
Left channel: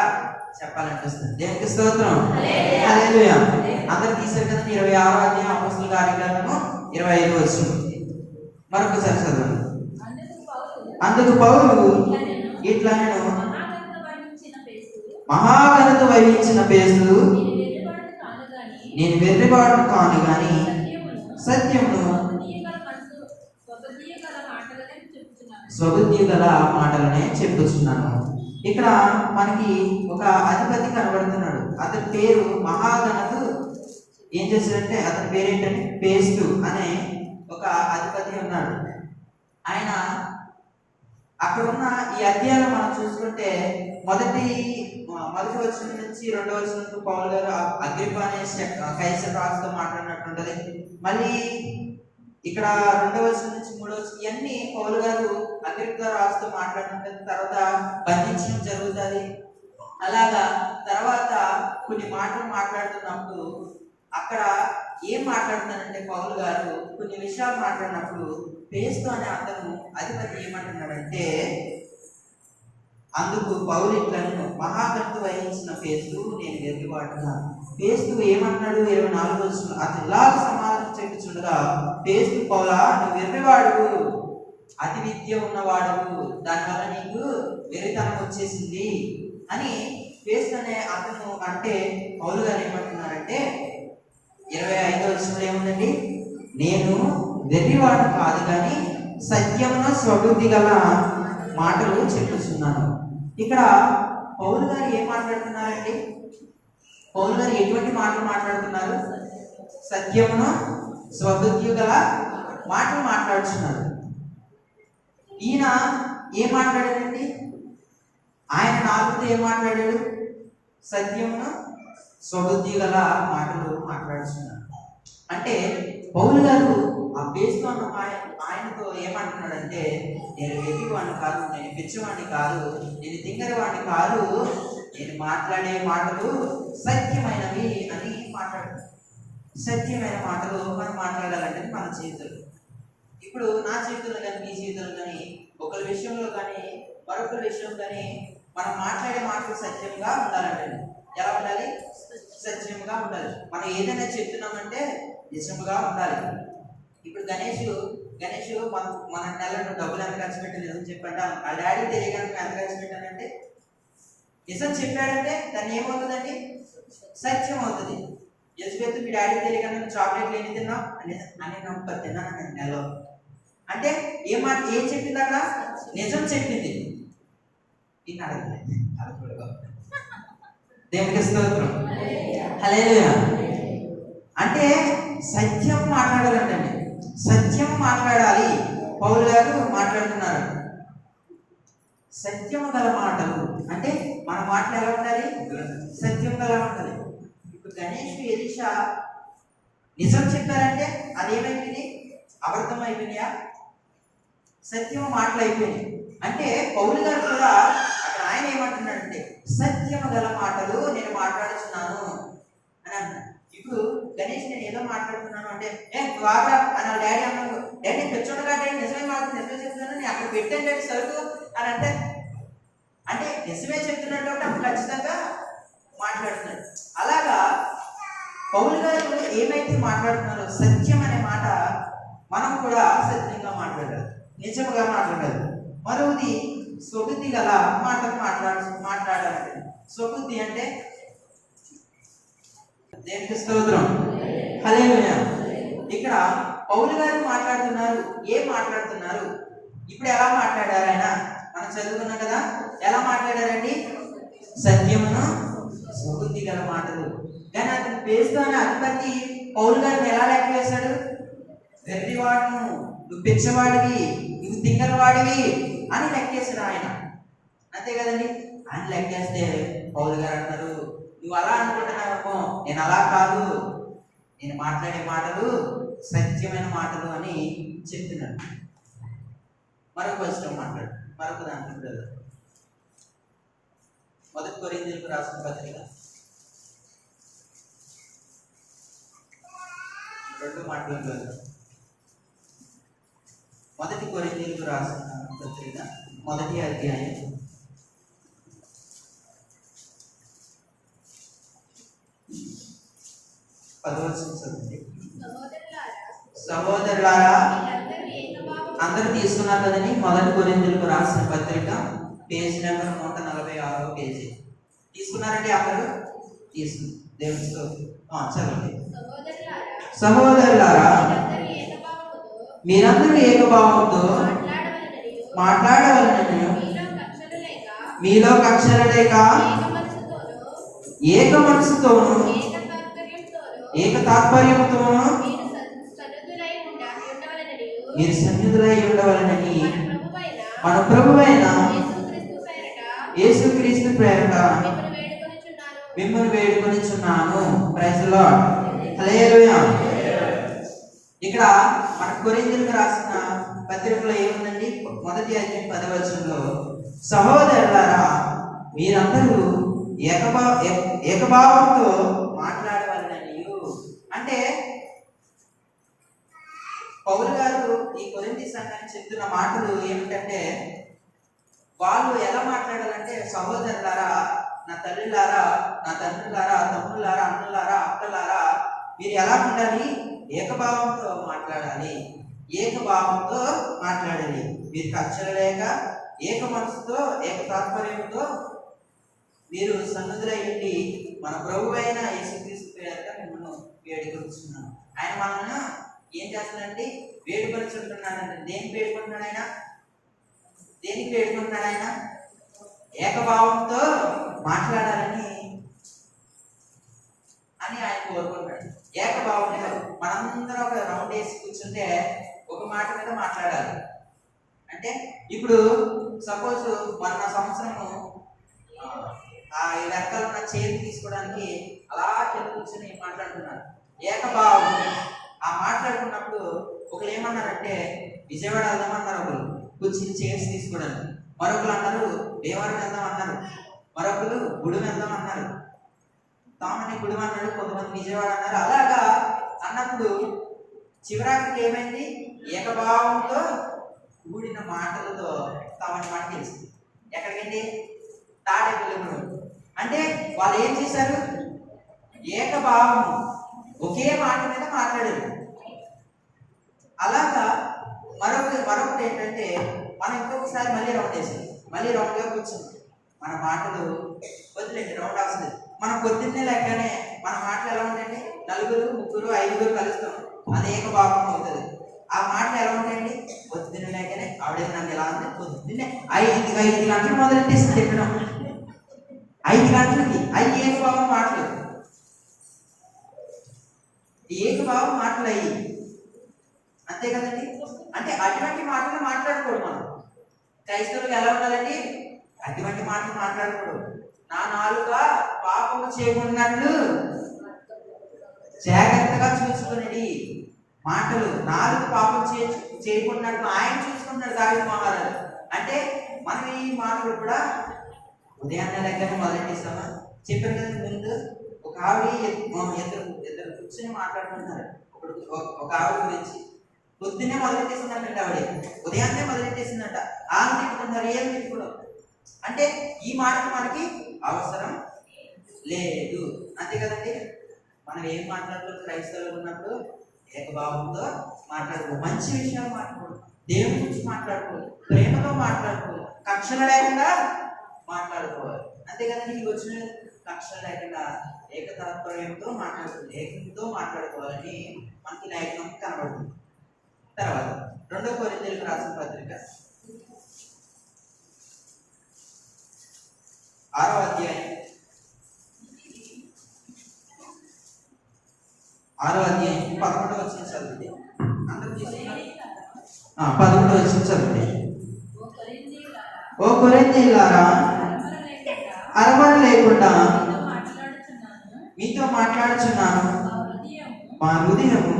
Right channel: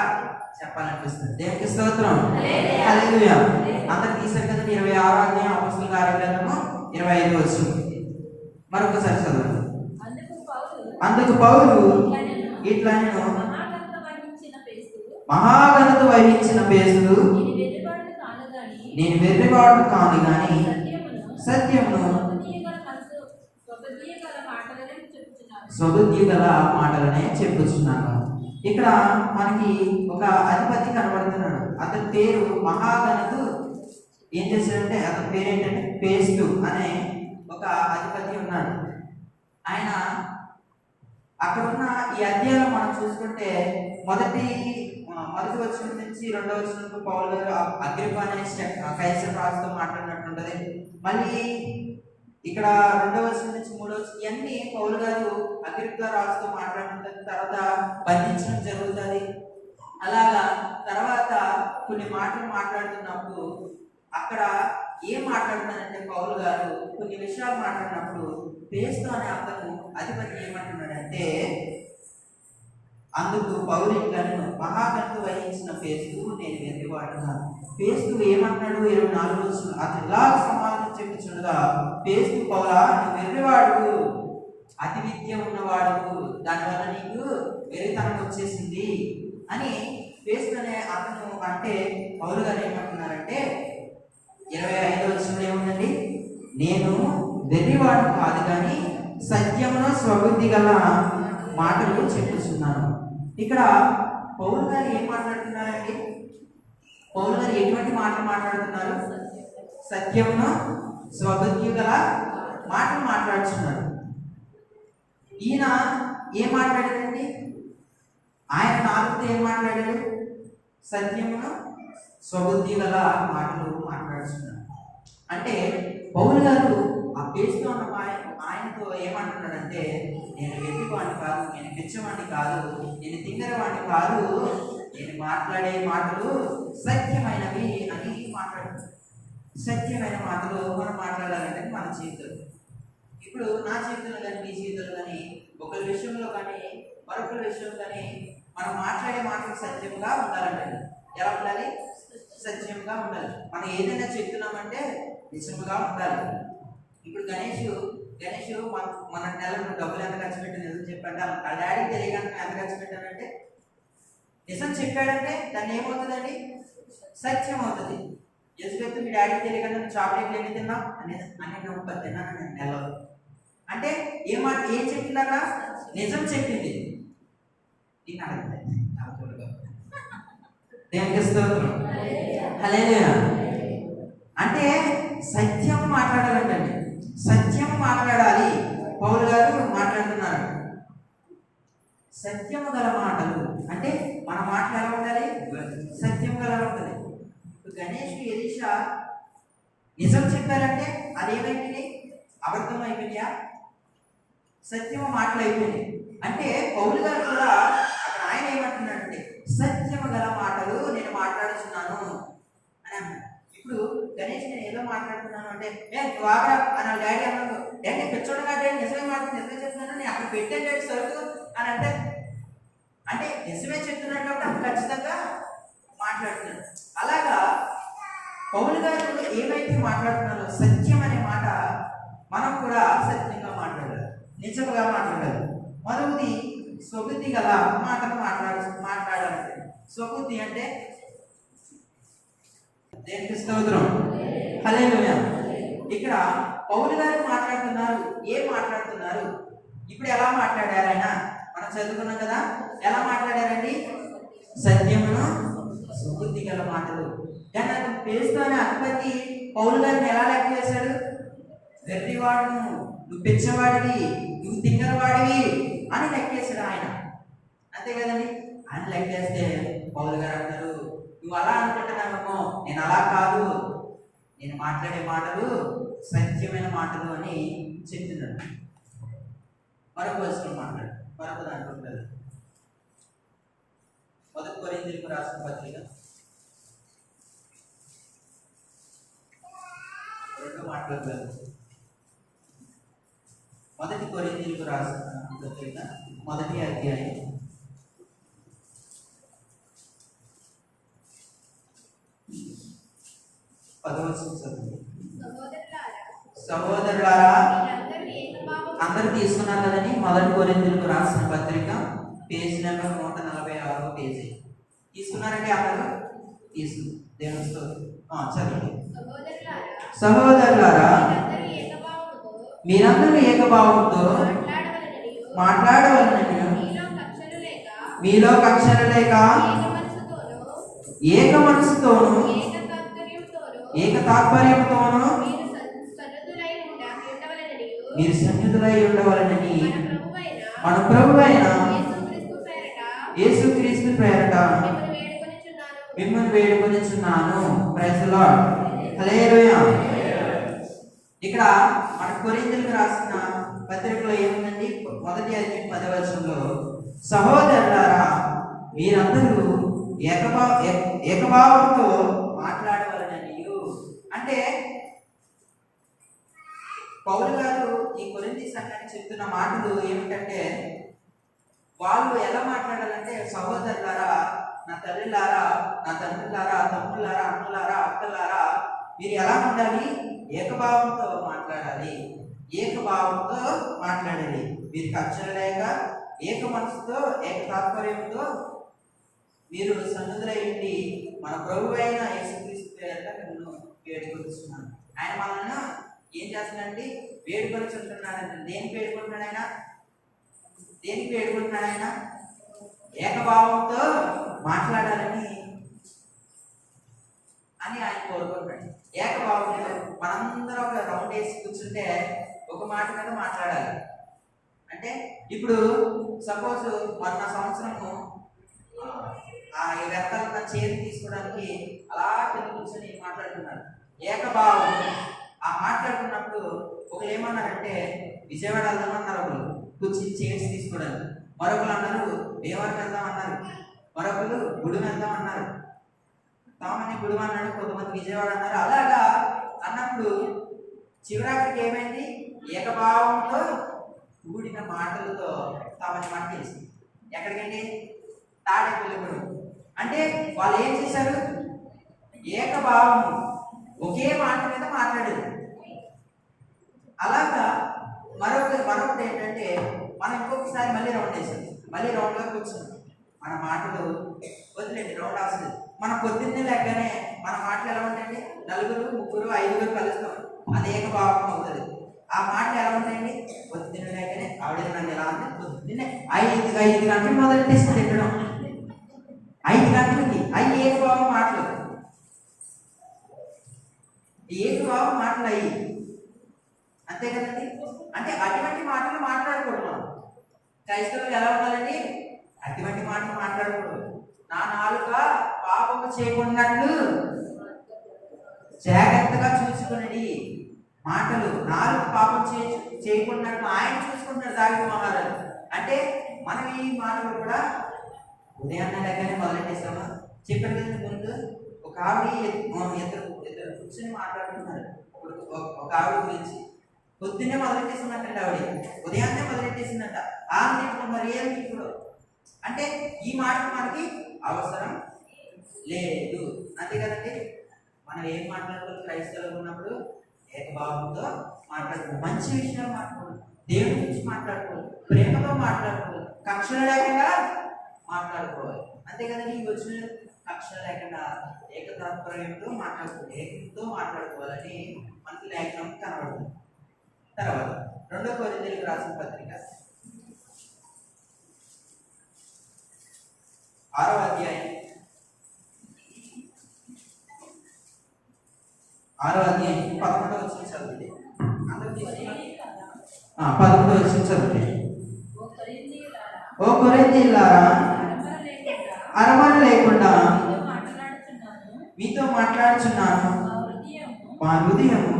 చెప్పాలనిపిస్తుంది. దేవునికి స్తోత్రం. హల్లెలూయా. అందరు తీసారు కదా 26వ అధ్యాయం అపొస్తలుల కార్యగ్రంథము 25వ వచనం. మరొకసారి చదవండి. అందుకు పౌలు ఇట్లా, నేను మహాఘనత వహించిన పేస్తూ నేను వెర్రివాడు కాను గాని సత్యమును స్వబుద్ధి గల మాటలనే చెప్పుచున్నాను. ఇక్కడ మనకి ఒక అధిపతి కనబడుతున్నాడు. అతని పేరు మహాఘనత. ఏం చేశాడంటే, అతని పేరు ఏంటంటే పేస్తు అనే ఒక అధిపతి ఉన్నాడు. ఆయన అక్కడ ఉన్న ఈ అధ్యాయంలో మనం చూసుకుంటే మొదటి వచనం నుంచి 2వ వచనం పౌలు గారు అగ్రిప్ప అనే కైసర్ రాజుతో మాట్లాడినట్టుంటది. మళ్ళీ ఇక్కడ 2వ వచనం నుంచి 3వ వచనం ఇవన్నీ పౌలు గారు అగ్రిప్ప రాజుతో మాట్లాడుతుంటది. తర్వాత బంధించడం జరుగుతుంది. అలాగా తర్వాత కొన్ని మాటలు మాట్లాడుతున్నప్పుడు అక్కడ ఏం మాట్లాడుతున్నారంటే, పౌలు గారు కొన్ని విషయాలు మాట్లాడినప్పుడు పేస్తు అనే అతను అధిపతి ఏమంటున్నాడంటే, అందుకు పౌలు ఇట్లా, మహాఘనత వహించిన పేస్తు నేను వెర్రివాడుగా. పేస్తు ఏమంటున్నాడు? 24వ వచనం. అతను ఇలా సమాధానం చెప్పుచుండగా, పేస్తు పౌలా, నువ్వు వెర్రివాడు, అతి విద్య ఉన్నవాడు, దానివల్ల నీకు వెర్రితనం వచ్చేసింది అని పేస్తు అనే అతను అంటే, పౌలు గారు ఏమంటున్నారంటే 25వ వచనంలో ఏముందండి? నేను వెర్రివాడు కాదు కానీ సత్యమును స్వబుద్ధి గల మాటలు చెప్పుచున్నాను. ఇక్కడ పౌలు గారు ఏం మాట్లాడుతున్నారండి? పౌలు గారు ఎటువంటి మాటలు మాట్లాడుతున్నారు? సత్యమును స్వబుద్ధి గల మాటలు మాట్లాడుతున్నారు. ఈయన ఏం మాట్లాడాడండి? ఆయన నాలుగుతో ఏం మాట్లాడాడు? సత్యమును స్వబుద్ధి గల మాటలు మాట్లాడుతున్నారు. అంటే పౌలు గారు ఆ పేరుతో ఉన్న ఆయనతో ఏమంటున్నాడంటే, నేను వెతివాడిని కాదు, నేను పిచ్చివాడిని కాదు, నేను తింగరవాడిని కాదు, నేను మాట్లాడే మాటలు సత్యమైనవి అని మాట్లాడుతున్నాడు. సత్యమైన మాటలు మనం మాట్లాడాలంటే మన జీవితంలో, ఇప్పుడు నా జీవితంలో కానీ మీ జీవితంలో కానీ ఒకరి విషయంలో కానీ మరొకరి విషయం కానీ మనం మాట్లాడే మాటలు సత్యంగా ఉండాలంటే ఎలా ఉండాలి? సత్యంగా ఉండాలి. మనం ఏదైనా చెప్తున్నామంటే నిజంగా ఉండాలి. ఇప్పుడు గణేష్ మన నెలకు డబ్బులు ఎంత ఖర్చు పెట్టి నిజం చెప్పంటే ఆ డాడీ తెలియగానే ఎంత ఖర్చు పెట్టానంటే నిజం చెప్పాడంటే దాన్ని ఏమవుతుందండి? సత్యం అవుతుంది. ఎలిజబెత్ మీ డాడీ తెలియగానే నువ్వు చాక్లెట్లు ఎన్ని తిన్నావు అని నమ్మకం తిన్నాను నేను నెలలో అంటే ఏం చెప్పింది అక్కడ? నిజం చెప్పింది. ఇది అడగలేదు అలా చూడగా దేవునికి స్తోత్రం. హల్లెలూయా. అంటే సత్యం మాట్లాడాలంటండి, సత్యం మాట్లాడాలి. పౌలు గారు మాట్లాడుతున్నారు సత్యం గల మాటలు. అంటే మన మాటలు ఎలా ఉండాలి? సత్యం గల ఉండాలి. ఇప్పుడు గణేష్ ఎలీషా నిజం చెప్పారంటే అదేమైపోయింది? అబద్ధం అయిపోయినాయా? సత్యం మాటలు అయిపోయినాయి. అంటే పౌలు గారు కూడా అక్కడ ఆయన ఏమంటున్నాడంటే సత్యం గల మాటలు నేను మాట్లాడుతున్నాను అని అన్నాడు. ఇప్పుడు గణేష్ నేను ఏదో మాట్లాడుతున్నాను అంటే వాగా అని డాడీ అన్నాడు. డాడీ పెచ్చోడుగా డాడీ నిజమే నిజమే చెప్తున్నాను, నేను అక్కడ పెట్టాను డాడీ సరుకు అని అంటే నిజమే చెప్తున్నట్టు అప్పుడు ఖచ్చితంగా మాట్లాడుతున్నాడు. అలాగా పౌలు గారు ఏమైతే మాట్లాడుతున్నారో సత్యం అనే మాట మనం కూడా సత్యంగా మాట్లాడాలి, నిజంగా మాట్లాడాలి. మరొకటి స్వబుద్ధి గల మాటలు మాట్లాడాలంటే స్వబుద్ధి అంటే దేవునికి స్తోత్రం. హల్లెలూయా. ఇక్కడ పౌలు గారు మాట్లాడుతున్నారు. ఏం మాట్లాడుతున్నారు? ఇప్పుడు ఎలా మాట్లాడారు ఆయన? మనం చదువుకున్నాం కదా, ఎలా మాట్లాడారండి? సత్యమును స్వబుద్ధి గల మాటలు. కానీ అతని పేరుతోనే అధిపతి పౌలు గారిని ఎలా లెక్క చేశాడు? వెర్రివాడును, నువ్వు పిచ్చవాడివి, నువ్వు తింగరవాడివి అని లెక్కేశాడు ఆయన. అంతే కదండి. ఆయన లెక్కేస్తే పౌలు గారు అంటారు, నువ్వు అలా అనుకుంటున్నావేమో, నేను అలా కాదు, నేను మాట్లాడే మాటలు సత్యమైన మాటలు అని చెప్తున్నాడు. మరొక వచనం మాట్లాడు, మరొక దాంట్లో కదా 1 కొరింథీయులకు రాసిన పత్రిక 2 మాటలు కాదు. 1 కొరింథీయులకు రాసిన పత్రిక 1వ అధ్యాయం 10వ వచనం చదవండి. సహోదరులారా, అందరూ తీసుకున్నారు కదండి. 1 కొరింథీయులకు రాసిన పత్రిక పేజ్ నెంబర్ 146 పేజీ. తీసుకున్నారండి? అందరూ తీసుకున్నారు. దేవుని స్తోత్రం. చదవండి. సహోదరులారా, మీరందరూ ఏకభావంతో మాట్లాడవలనని మీలో కక్షలు లేక ఏక మనసుతోను ఏక తాత్పర్యంతోను మీరు సన్నిధులై ఉండవలనని మన ప్రభువైన యేసుక్రీస్తు పేరట మిమ్మల్ని వేడుకొనిచున్నాను. Praise the Lord. హల్లెలూయా. ఇక్కడ మన కొరింథీయులకు రాసిన పత్రికలో ఏముందండి? 1వ అధ్యాయం 10వ వచనంలో సహోదరులారా, మీరందరూ ఏకభావంతో మాట్లాడవాలని. అంటే పౌలు గారు ఈ కొరింథీ సంఘానికి చెప్తున్న మాటలు ఏమిటంటే, వాళ్ళు ఎలా మాట్లాడాలంటే, సహోదరులారా, నా తల్లిలారా, నా తండ్రులారా, తమ్ముళ్ళారా, అన్నలారా, అక్కలారా, మీరు ఎలా ఉండాలి? ఏకభావంతో మాట్లాడాలి, ఏకభావంతో మాట్లాడాలి. మీరు కక్షలు లేక ఏక మనసుతో ఏక తాత్పర్యంతో మీరు సన్నిధులై ఉండి మన ప్రభువైన యేసుక్రీస్తు పేరట మిమ్మల్ని వేడుకొనిచున్నాను. ఆయన మనల్ని ఏం చేస్తున్నాడండి? వేడుకొనిచుంటున్నాడండి. దేనికి వేడుకుంటున్నాడు ఆయన? దేనికి వేడుకుంటున్నాడు ఆయన? ఏకభావంతో మాట్లాడాలని ఆయన కోరుకుంటాడు. ఏకభావంతో మనందరం ఒక రౌండ్ వేసి కూర్చుంటే ఒక మాట మీద మాట్లాడాలి. అంటే ఇప్పుడు సపోజ్ మొన్న సంవత్సరము ఆ వెనకాల ఉన్న చైర్ తీసుకోవడానికి అలా కింద కూర్చొని మాట్లాడుతున్నారు. ఏకభావం. ఆ మాట్లాడుకున్నప్పుడు ఒకరు ఏమన్నారంటే విజయవాడ వెళ్దామన్నారు, ఒకరు కూర్చుని చైర్స్ తీసుకోవడానికి, మరొకరు అన్నారు దేవానికి వెళ్దాం అన్నారు, మరొకరు గుడి వెళ్దాం అన్నారు, తామని గుడి అన్నాడు, కొంతమంది విజయవాడ అన్నారు. అలాగా అన్నప్పుడు చివరికి ఏమైంది? ఏకభావంతో కూడిన మాటలతో తామని మాట తెలిసింది. ఎక్కడికండి? తాడేపల్లిగూడెం. అంటే వాళ్ళు ఏం చేశారు? ఏకభావం, ఒకే మాట మీద మాట్లాడారు. అలాగా మరొకటి ఏంటంటే మనం ఇంకొకసారి మళ్ళీ రౌండ్ వేసాం, మళ్ళీ రౌండ్గా కూర్చున్నాం. మన మాటలు వదిలేండి, రౌండ్ అవసరం. మనం పొద్దున్నే లెక్కనే మన మాటలు ఎలా ఉంటాయండి? నలుగురు, ముగ్గురు, ఐదుగురు కలుస్తాం, అది ఏకభావం అవుతుంది. ఆ మాటలు ఎలా ఉంటాయండి? పొద్దున్న లేకనే ఆవిడ నన్ను ఎలా ఉంది, పొద్దున్నే 5 గంటలు మొదలెట్టేసి తిట్టడం, 5 గంటలకి అవి ఏకభావం మాటలు, ఏకభావం మాటలు అయ్యి, అంతే కదండి. అంటే అటువంటి మాటలు మాట్లాడకూడదు. మనం క్రైస్తవులు ఎలా ఉండాలండి? అటువంటి మాటలు మాట్లాడకూడదు. నా నాలుక పాపము చేయకున్నట్లు జాగ్రత్తగా చూసుకునేది మాటలు. నాలుగు పాపం చేయకున్నట్లు ఆయన చూసుకుంటాడు దావీదు మహారాజు. అంటే మనం ఈ మాటలు కూడా ఉదయాన్నే దగ్గర మొదలెట్టేస్తామా? చెప్పాను కదండి ముందు, ఒక ఆవిడ ఇద్దరు కూర్చొని మాట్లాడుతున్నారు. ఒక ఆవిడ గురించి పొద్దున్నే మొదలెట్టేసిందంటే, ఆవిడ ఉదయాన్నే మొదలెట్టేసిందంట. ఆమె తిట్టుకున్నారు, ఏం తిట్టుకోవడం. అంటే ఈ మాటకు మనకి అవసరం లేదు, అంతే కదండి. మనం ఏం మాట్లాడుకోవాలి? క్రైస్తవులు ఉన్నప్పుడు ఏకభావంతో మాట్లాడుకోవాలి, మంచి విషయాలు మాట్లాడుకోవాలి, దేవుని గురించి మాట్లాడుకోవాలి, ప్రేమతో మాట్లాడుకోవాలి, కక్షలు లేకుండా మాట్లాడుకోవాలి, అంతే కదండి. ఈ వచ్చిన కక్షలు లేకుండా ఏకతాత్పర్యంతో మాట్లాడుకోవాలి, ఏకంతో మాట్లాడుకోవాలని మనకి లేఖనం కనబడుతుంది. తర్వాత 2 కొరింథీయులకు రాసిన పత్రిక 6వ అధ్యాయం 11వ వచనం చదవండి. అందరూ తీసుకున్నారు? 11వ వచనం చదవండి. ఓ కొరింథీయులారా, అరమర లేకుండా మీతో మాట్లాడుచున్నాను, మా హృదయము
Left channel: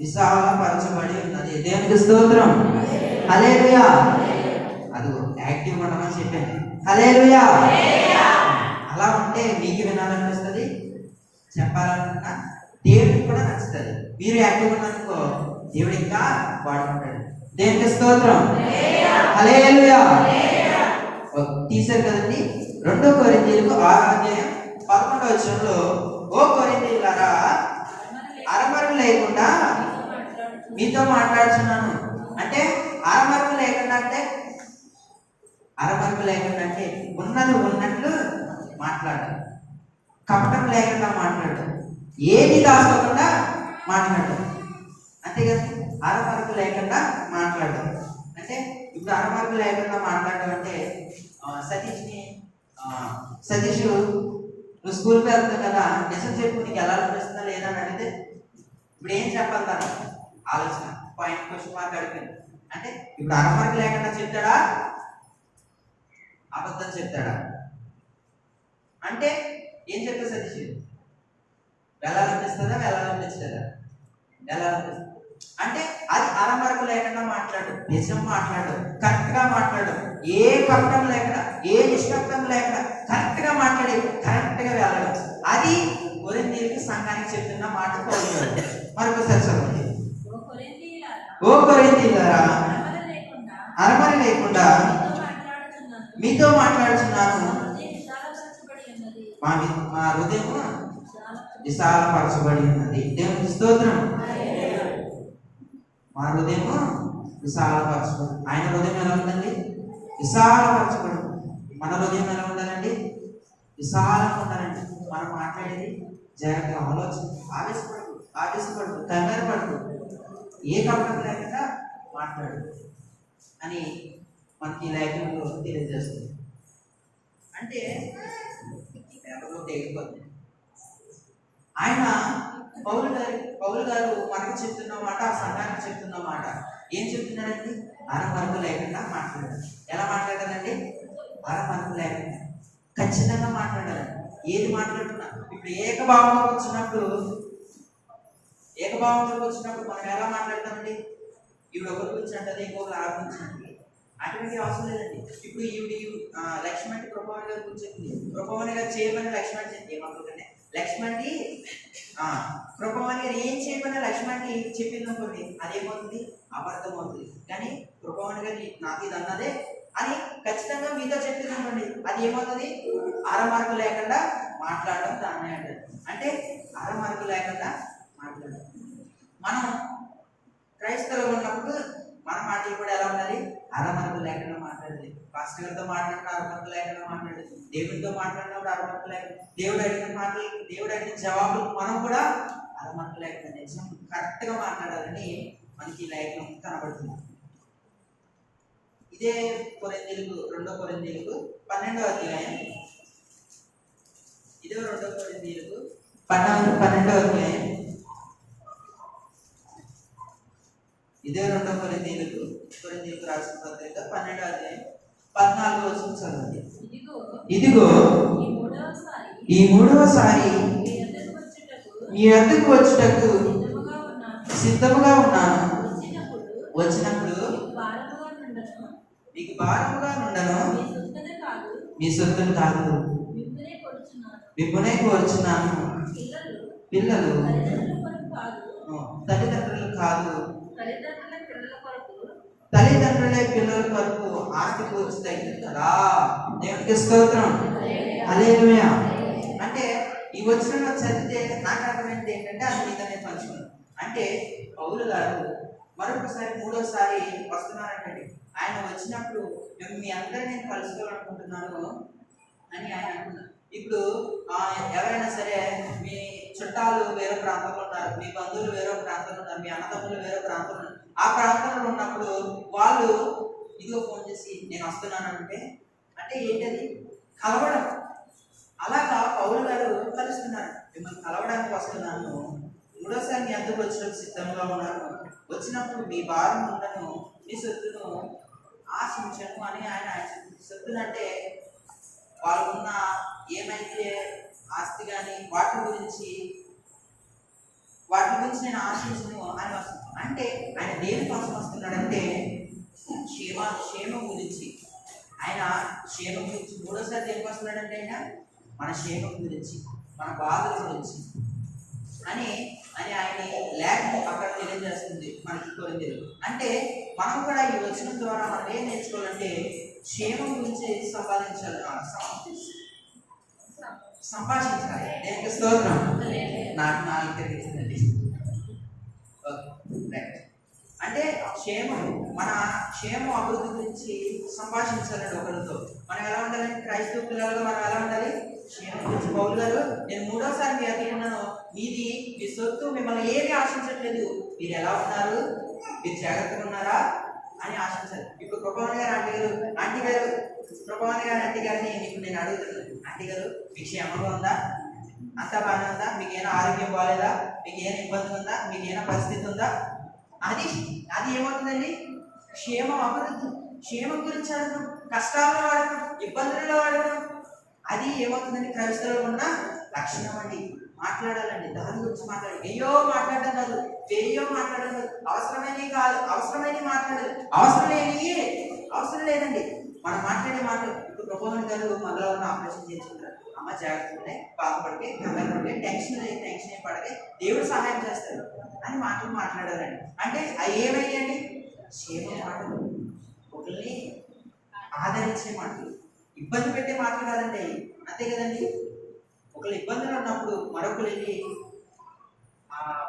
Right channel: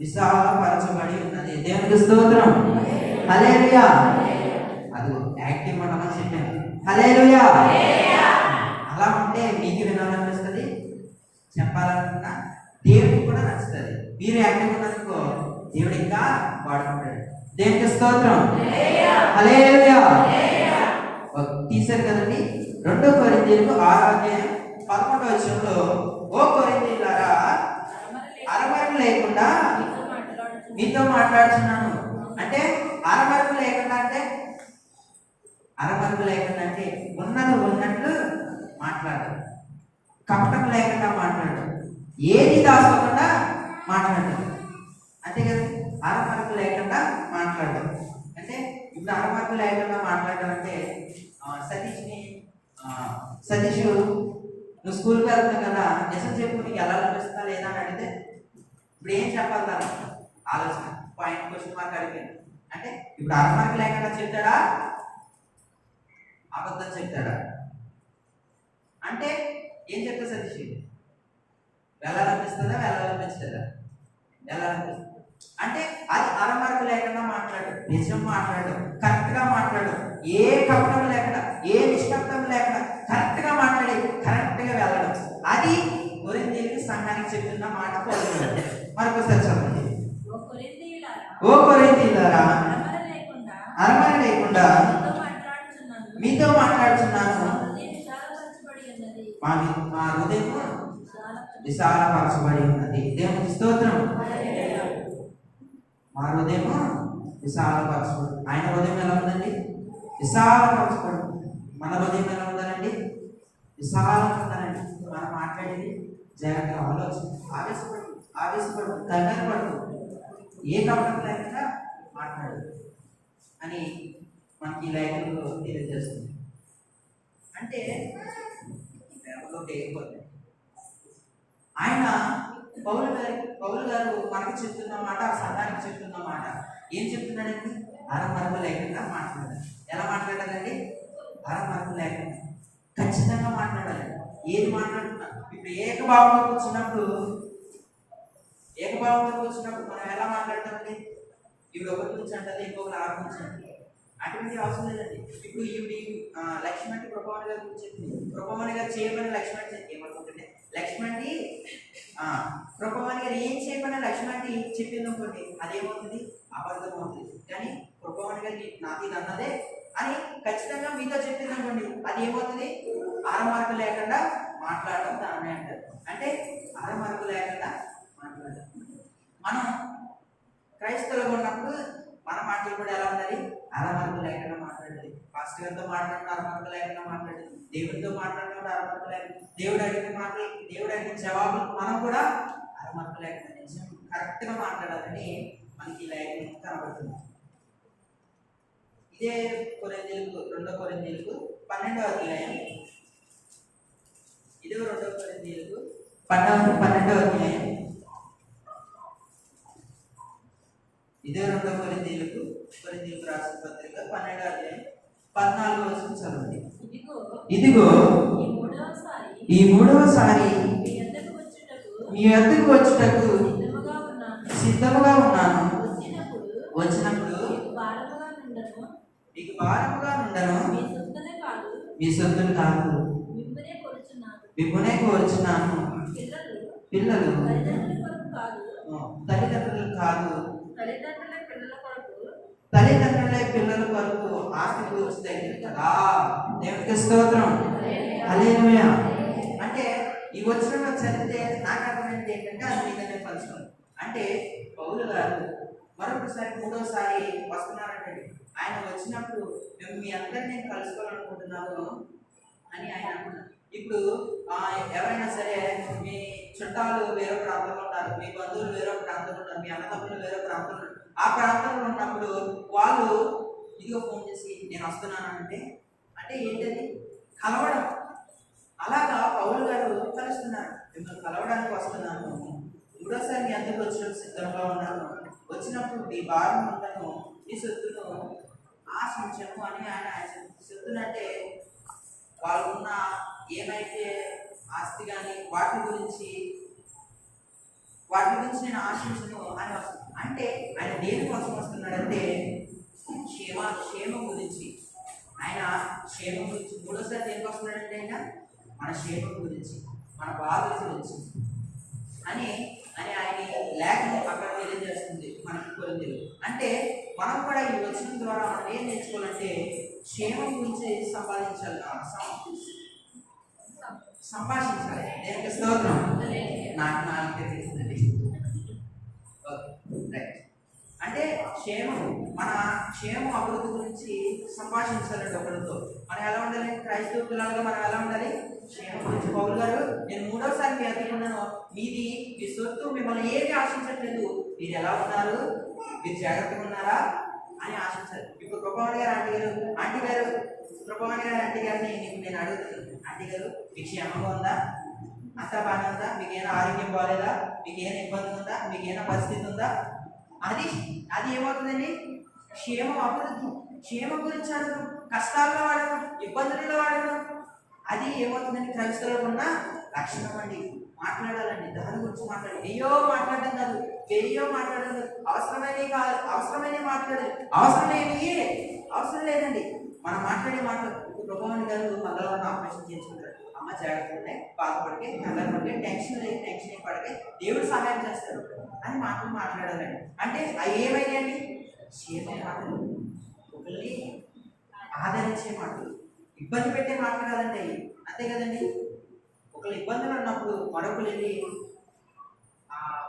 విశాలపరచబడి ఉన్నది. దేవునికి స్తోత్రం. హల్లెలూయా. అదిగో యాక్టివ్ ఉండమని చెప్పాను. హల్లెలూయా. అలా ఉంటే మీకు వినాలనిపిస్తుంది, చెప్పాలనుకున్నా దేవుడికి కూడా నచ్చుతుంది. మీరు యాక్టివ్ ఉన్నారనుకో దేవుడు ఇంకా వాడుకుంటాడు. దేవునికి స్తోత్రం. హల్లెలూయా. తీశారు కదండి. 2 కొరింథీయులకు 6వ అధ్యాయం 11వ వచనంలో, ఓ కొరింథీయులారా, అరమర లేకుండా మీతో మాట్లాడుతున్నాను. అంటే అరమరకు లేకుండా అంటే ఉన్నది ఉన్నట్లు మాట్లాడాలి, కపటం లేకుండా మాట్లాడడం, ఏది దాచుకోకుండా మాట్లాడడం, అంతే కదా. అరమరకు లేకుండా మాట్లాడడం అంటే, ఇప్పుడు అరమరకు లేకుండా మాట్లాడడం అంటే సతీష్ నువ్వు స్కూల్కి వెళ్తావు కదా, నిజం చెప్పు, నీకు ఎలా అనిపిస్తుందా లేదా అని అడిగితే ఇప్పుడు ఏం చెప్పాలి? తను ఆలోచన పాయింట్ క్వశ్చన్ మార్క్ అడిగాను అంటే, ఇప్పుడు అరమరకు లేకుండా చెప్తాడా, అబద్ధం చెప్తాడా? అంటే ఏం చెప్తా సతీష్? వెళ్ళాలనిపిస్తుందా, వెళ్ళాలనిపించదా? వెళ్ళాలనిపిస్తుంది. అంటే అది అరమరకు లేకుండా మాట్లాడు, నిజం మాట్లాడు, కరెక్ట్ గా మాట్లాడు, ఏ కపటం లేకుండా, ఏ నిష్కపటం లేకుండా కరెక్ట్ గా మాట్లాడి కరెక్ట్ గా వెళ్ళడం. అది కొరింథీయులకు సంఘానికి చెప్తున్న మాట. మరొకసారి చదవండి. ఓ కొరింథీయులారా, అరమర లేకుండా మీతో మాట్లాడుతున్నాను, మా హృదయం విశాలపరచబడి ఉన్నది. దేవునికి స్తోత్రం. మా హృదయం విశాలపరచబడి, ఆయన హృదయం ఎలా ఉందండి? విశాలపరచబడి. మన హృదయం ఎలా ఉండాలండి? విశాలంగా ఉండాలండి. మనం మాట్లాడేది జాగ్రత్తగా ఆలోచన, ఆవేశపడు, కంగారు పడు, ఏ కపటం లేకుండా మాట్లాడు అని మనకి లేఖనంలో తెలియజేస్తుంది. అంటే తెగిపోతుంది. ఆయన పౌలు గారు మనకి చెప్తున్న మాట, ఆ సంఘానికి చెప్తున్న మాట ఏం చెప్తున్నాడండి? అరమరకు లేకుండా మాట్లాడాలి. ఎలా మాట్లాడాలండి? అరమరకు లేకుండా ఖచ్చితంగా మాట్లాడాలి. ఏది మాట్లాడుతున్నా ఇప్పుడు ఏకభావంతో వచ్చినప్పుడు మనం ఎలా మాట్లాడతామండి? ఇప్పుడు ఒకరి గురించి అంటది, ఇంకొకరు ఆ గురించి అంటది. అటువంటి అవసరం లేదండి. ఇప్పుడు లక్ష్మణ్ ప్రభావన్ గారి గురించి చెప్పింది. ప్రభావన్ గారు చేయమని లక్ష్మణ్ ఏమనుకుంటుంది, లక్ష్మణ్ ప్రభావన్ గారు ఏం చేయమని లక్ష్మణ్ చెప్పింది అనుకోండి, అదేమవుతుంది? అబద్ధం అవుతుంది. కానీ ప్రభావన్ గారు నాకు ఇది అన్నదే అని ఖచ్చితంగా మీతో చెప్పింది అనుకోండి, అది ఏమవుతుంది? అరమరకు లేకుండా మాట్లాడడం దాన్నే అంటారు. అంటే అరమరకు లేకుండా మాట్లాడడం. మనం క్రైస్తవులుగా ఉన్నప్పుడు మన మాటలు కూడా ఎలా ఉండాలి? అరమరకు లేకుండా మాట్లాడాలి. పాస్టర్ గారితో మాట్లాడిన అరమరకు లేకుండా మాట్లాడాలి. దేవుడితో మాట్లాడినప్పుడు అరమరకు లేకుండా, దేవుడు అడిగిన జవాబులు మనం కూడా అరమరకు లేకుండా నిజం కరెక్ట్గా మాట్లాడాలని మనకి ఈ లేఖనం కనబడుతుంది. ఇదే కొరింథీయులకు 2 కొరింథీయులకు 12వ అధ్యాయం. ఇదే 2 కొరింథీయులకు 12వ అధ్యాయం. ఇదే 2 కొరింథీయులకు రాసిన పత్రిక 12వ అధ్యాయం 14వ వచనం చదవండి. ఇదిగో ఈ మూడవసారి మీ వద్దకు వచ్చుటకు సిద్ధముగా ఉన్నాను. వచ్చినప్పుడు మీకు భారముగా నుండను, మీ సొత్తులు కాదు, మిమ్మునే కోరుచున్నాను. పిల్లలు తల్లిదండ్రులు కాదు, తల్లిదండ్రులే పిల్లల కొరకు ఆస్తి కూర్చు తగ్గింది కదా. దేవునికి స్తోత్రం. హల్లెలూయా. అంటే ఈ వచనంలో చదివితే నాకు అర్థమైంది ఏంటంటే, అది మీదనే పంచుకున్నాను. అంటే పౌలు గారు మరొకసారి 3వసారి వస్తున్నారంటండి. ఆయన వచ్చినప్పుడు మీ అందరినీ నేను కలుసుకోవాలనుకుంటున్నాను అని ఆయన అంటున్నారు. ఇప్పుడు ఎవరైనా సరే, మీ చుట్టాలు వేరే ప్రాంతంలో ఉన్నారు, మీ బంధువులు వేరే ప్రాంతంలో ఉన్నారు, మీ అన్నదమ్ములు వేరే ప్రాంతంలో ఉన్నారు. ఆ ప్రాంతంలో ఉన్నప్పుడు వాళ్ళు ఇదిగో ఫోన్ చేసి నేను వస్తున్నాను అంటే ఏంటది? కలవడం. అలాగా పౌలు గారు కలుస్తున్నారు. మిమ్మల్ని కలవడానికి వస్తున్నాను, 3వసారి మీ అందరికి వచ్చినప్పుడు సిద్ధంగా ఉన్నాను, వచ్చినప్పుడు మీ భారం ఉండను, మీ సొత్తును ఆశించను అని ఆయన సొత్తును అంటే వాళ్ళకున్న ఏమైతే ఆస్తి కానీ వాటి గురించి నేను ఆశించను అని వస్తుంది. అంటే ఆయన దేని కోసం వస్తున్నాడంటే క్షేమం గురించి. ఆయన క్షేమం గురించి 3వసారి దేనికి వస్తున్నాడంటే ఆయన మన క్షేమం గురించి, మన బాధల గురించి అని ఆయన లేఖనం అక్కడ తెలియజేస్తుంది మనకి కొరింథీయులు. అంటే మనం కూడా ఈ వచనం ద్వారా మనం ఏం నేర్చుకోవాలంటే క్షేమం గురించి సంభాషించాలి. దేవునికి స్తోత్రం. నాకు 4 తెలిసిందండి. అంటే మన క్షేమం అభివృద్ధి గురించి సంభాషించాలండి ఒకరితో. మనం ఎలా ఉండాలి? క్రైస్తవ పిల్లలుగా మనం ఎలా ఉండాలి? క్షేమం గురించి. పౌలు గారు నేను 3వసారి మీ అద్దె ఉన్నాను, మీది మీ సొత్తు, మిమ్మల్ని ఏమీ ఆశించట్లేదు, మీరు ఎలా ఉన్నారు, మీరు జాగ్రత్తగా ఉన్నారా అని ఆశించాలి. ఇప్పుడు ప్రభావని గారు ఆంటీ గారిని ఇప్పుడు నేను అడుగుతున్నాను, ఆంటీ గారు మీకు క్షేమంగా ఉందా? అంతా బాగానే ఉందా? మీకు ఏమైనా ఆరోగ్యం బాగాలేదా? మీకు ఏమైనా ఇబ్బంది ఉందా? మీకు ఏమైనా పరిస్థితి ఉందా? అది ఏమవుతుందండి? క్షేమం అభివృద్ధి. క్షేమం గురించి అడగడం, కష్టాల్లో అడగడం, ఇబ్బందులలో అడగడం, అది ఏమవుతుందండి? క్రైస్తవులో ఉన్న లక్షణం అండి. మాట్లాడాలండి, దాని గురించి మాట్లాడాలి. ఏయో మాట్లాడడం కాదు, అవసరమైనవి కాదు, అవసరమైనవి మాట్లాడాలి. అవసరం లేదండి మనం మాట్లాడే మాటలు. ఇప్పుడు ప్రభావన్ గారు మంగళవారం ఆపరేషన్ చేసుకుంటారు. అమ్మ జాగ్రత్తగా బాధపడితే, కంగారు పడితే, టెన్షన్ ఏం పడితే దేవుడు సహాయం చేస్తారు అని మాటలు మాట్లాడాలండి. అంటే అవి ఏమైనాయండి? క్షేమ మాటలు, ఒకరిని ఆదరించే మాటలు, ఇబ్బంది పెట్టే మాటలు కాదండి అవి. అంతే కదండి. ఒకళ్ళు ఇబ్బందులు ఉన్నప్పుడు మరొకరు వెళ్ళి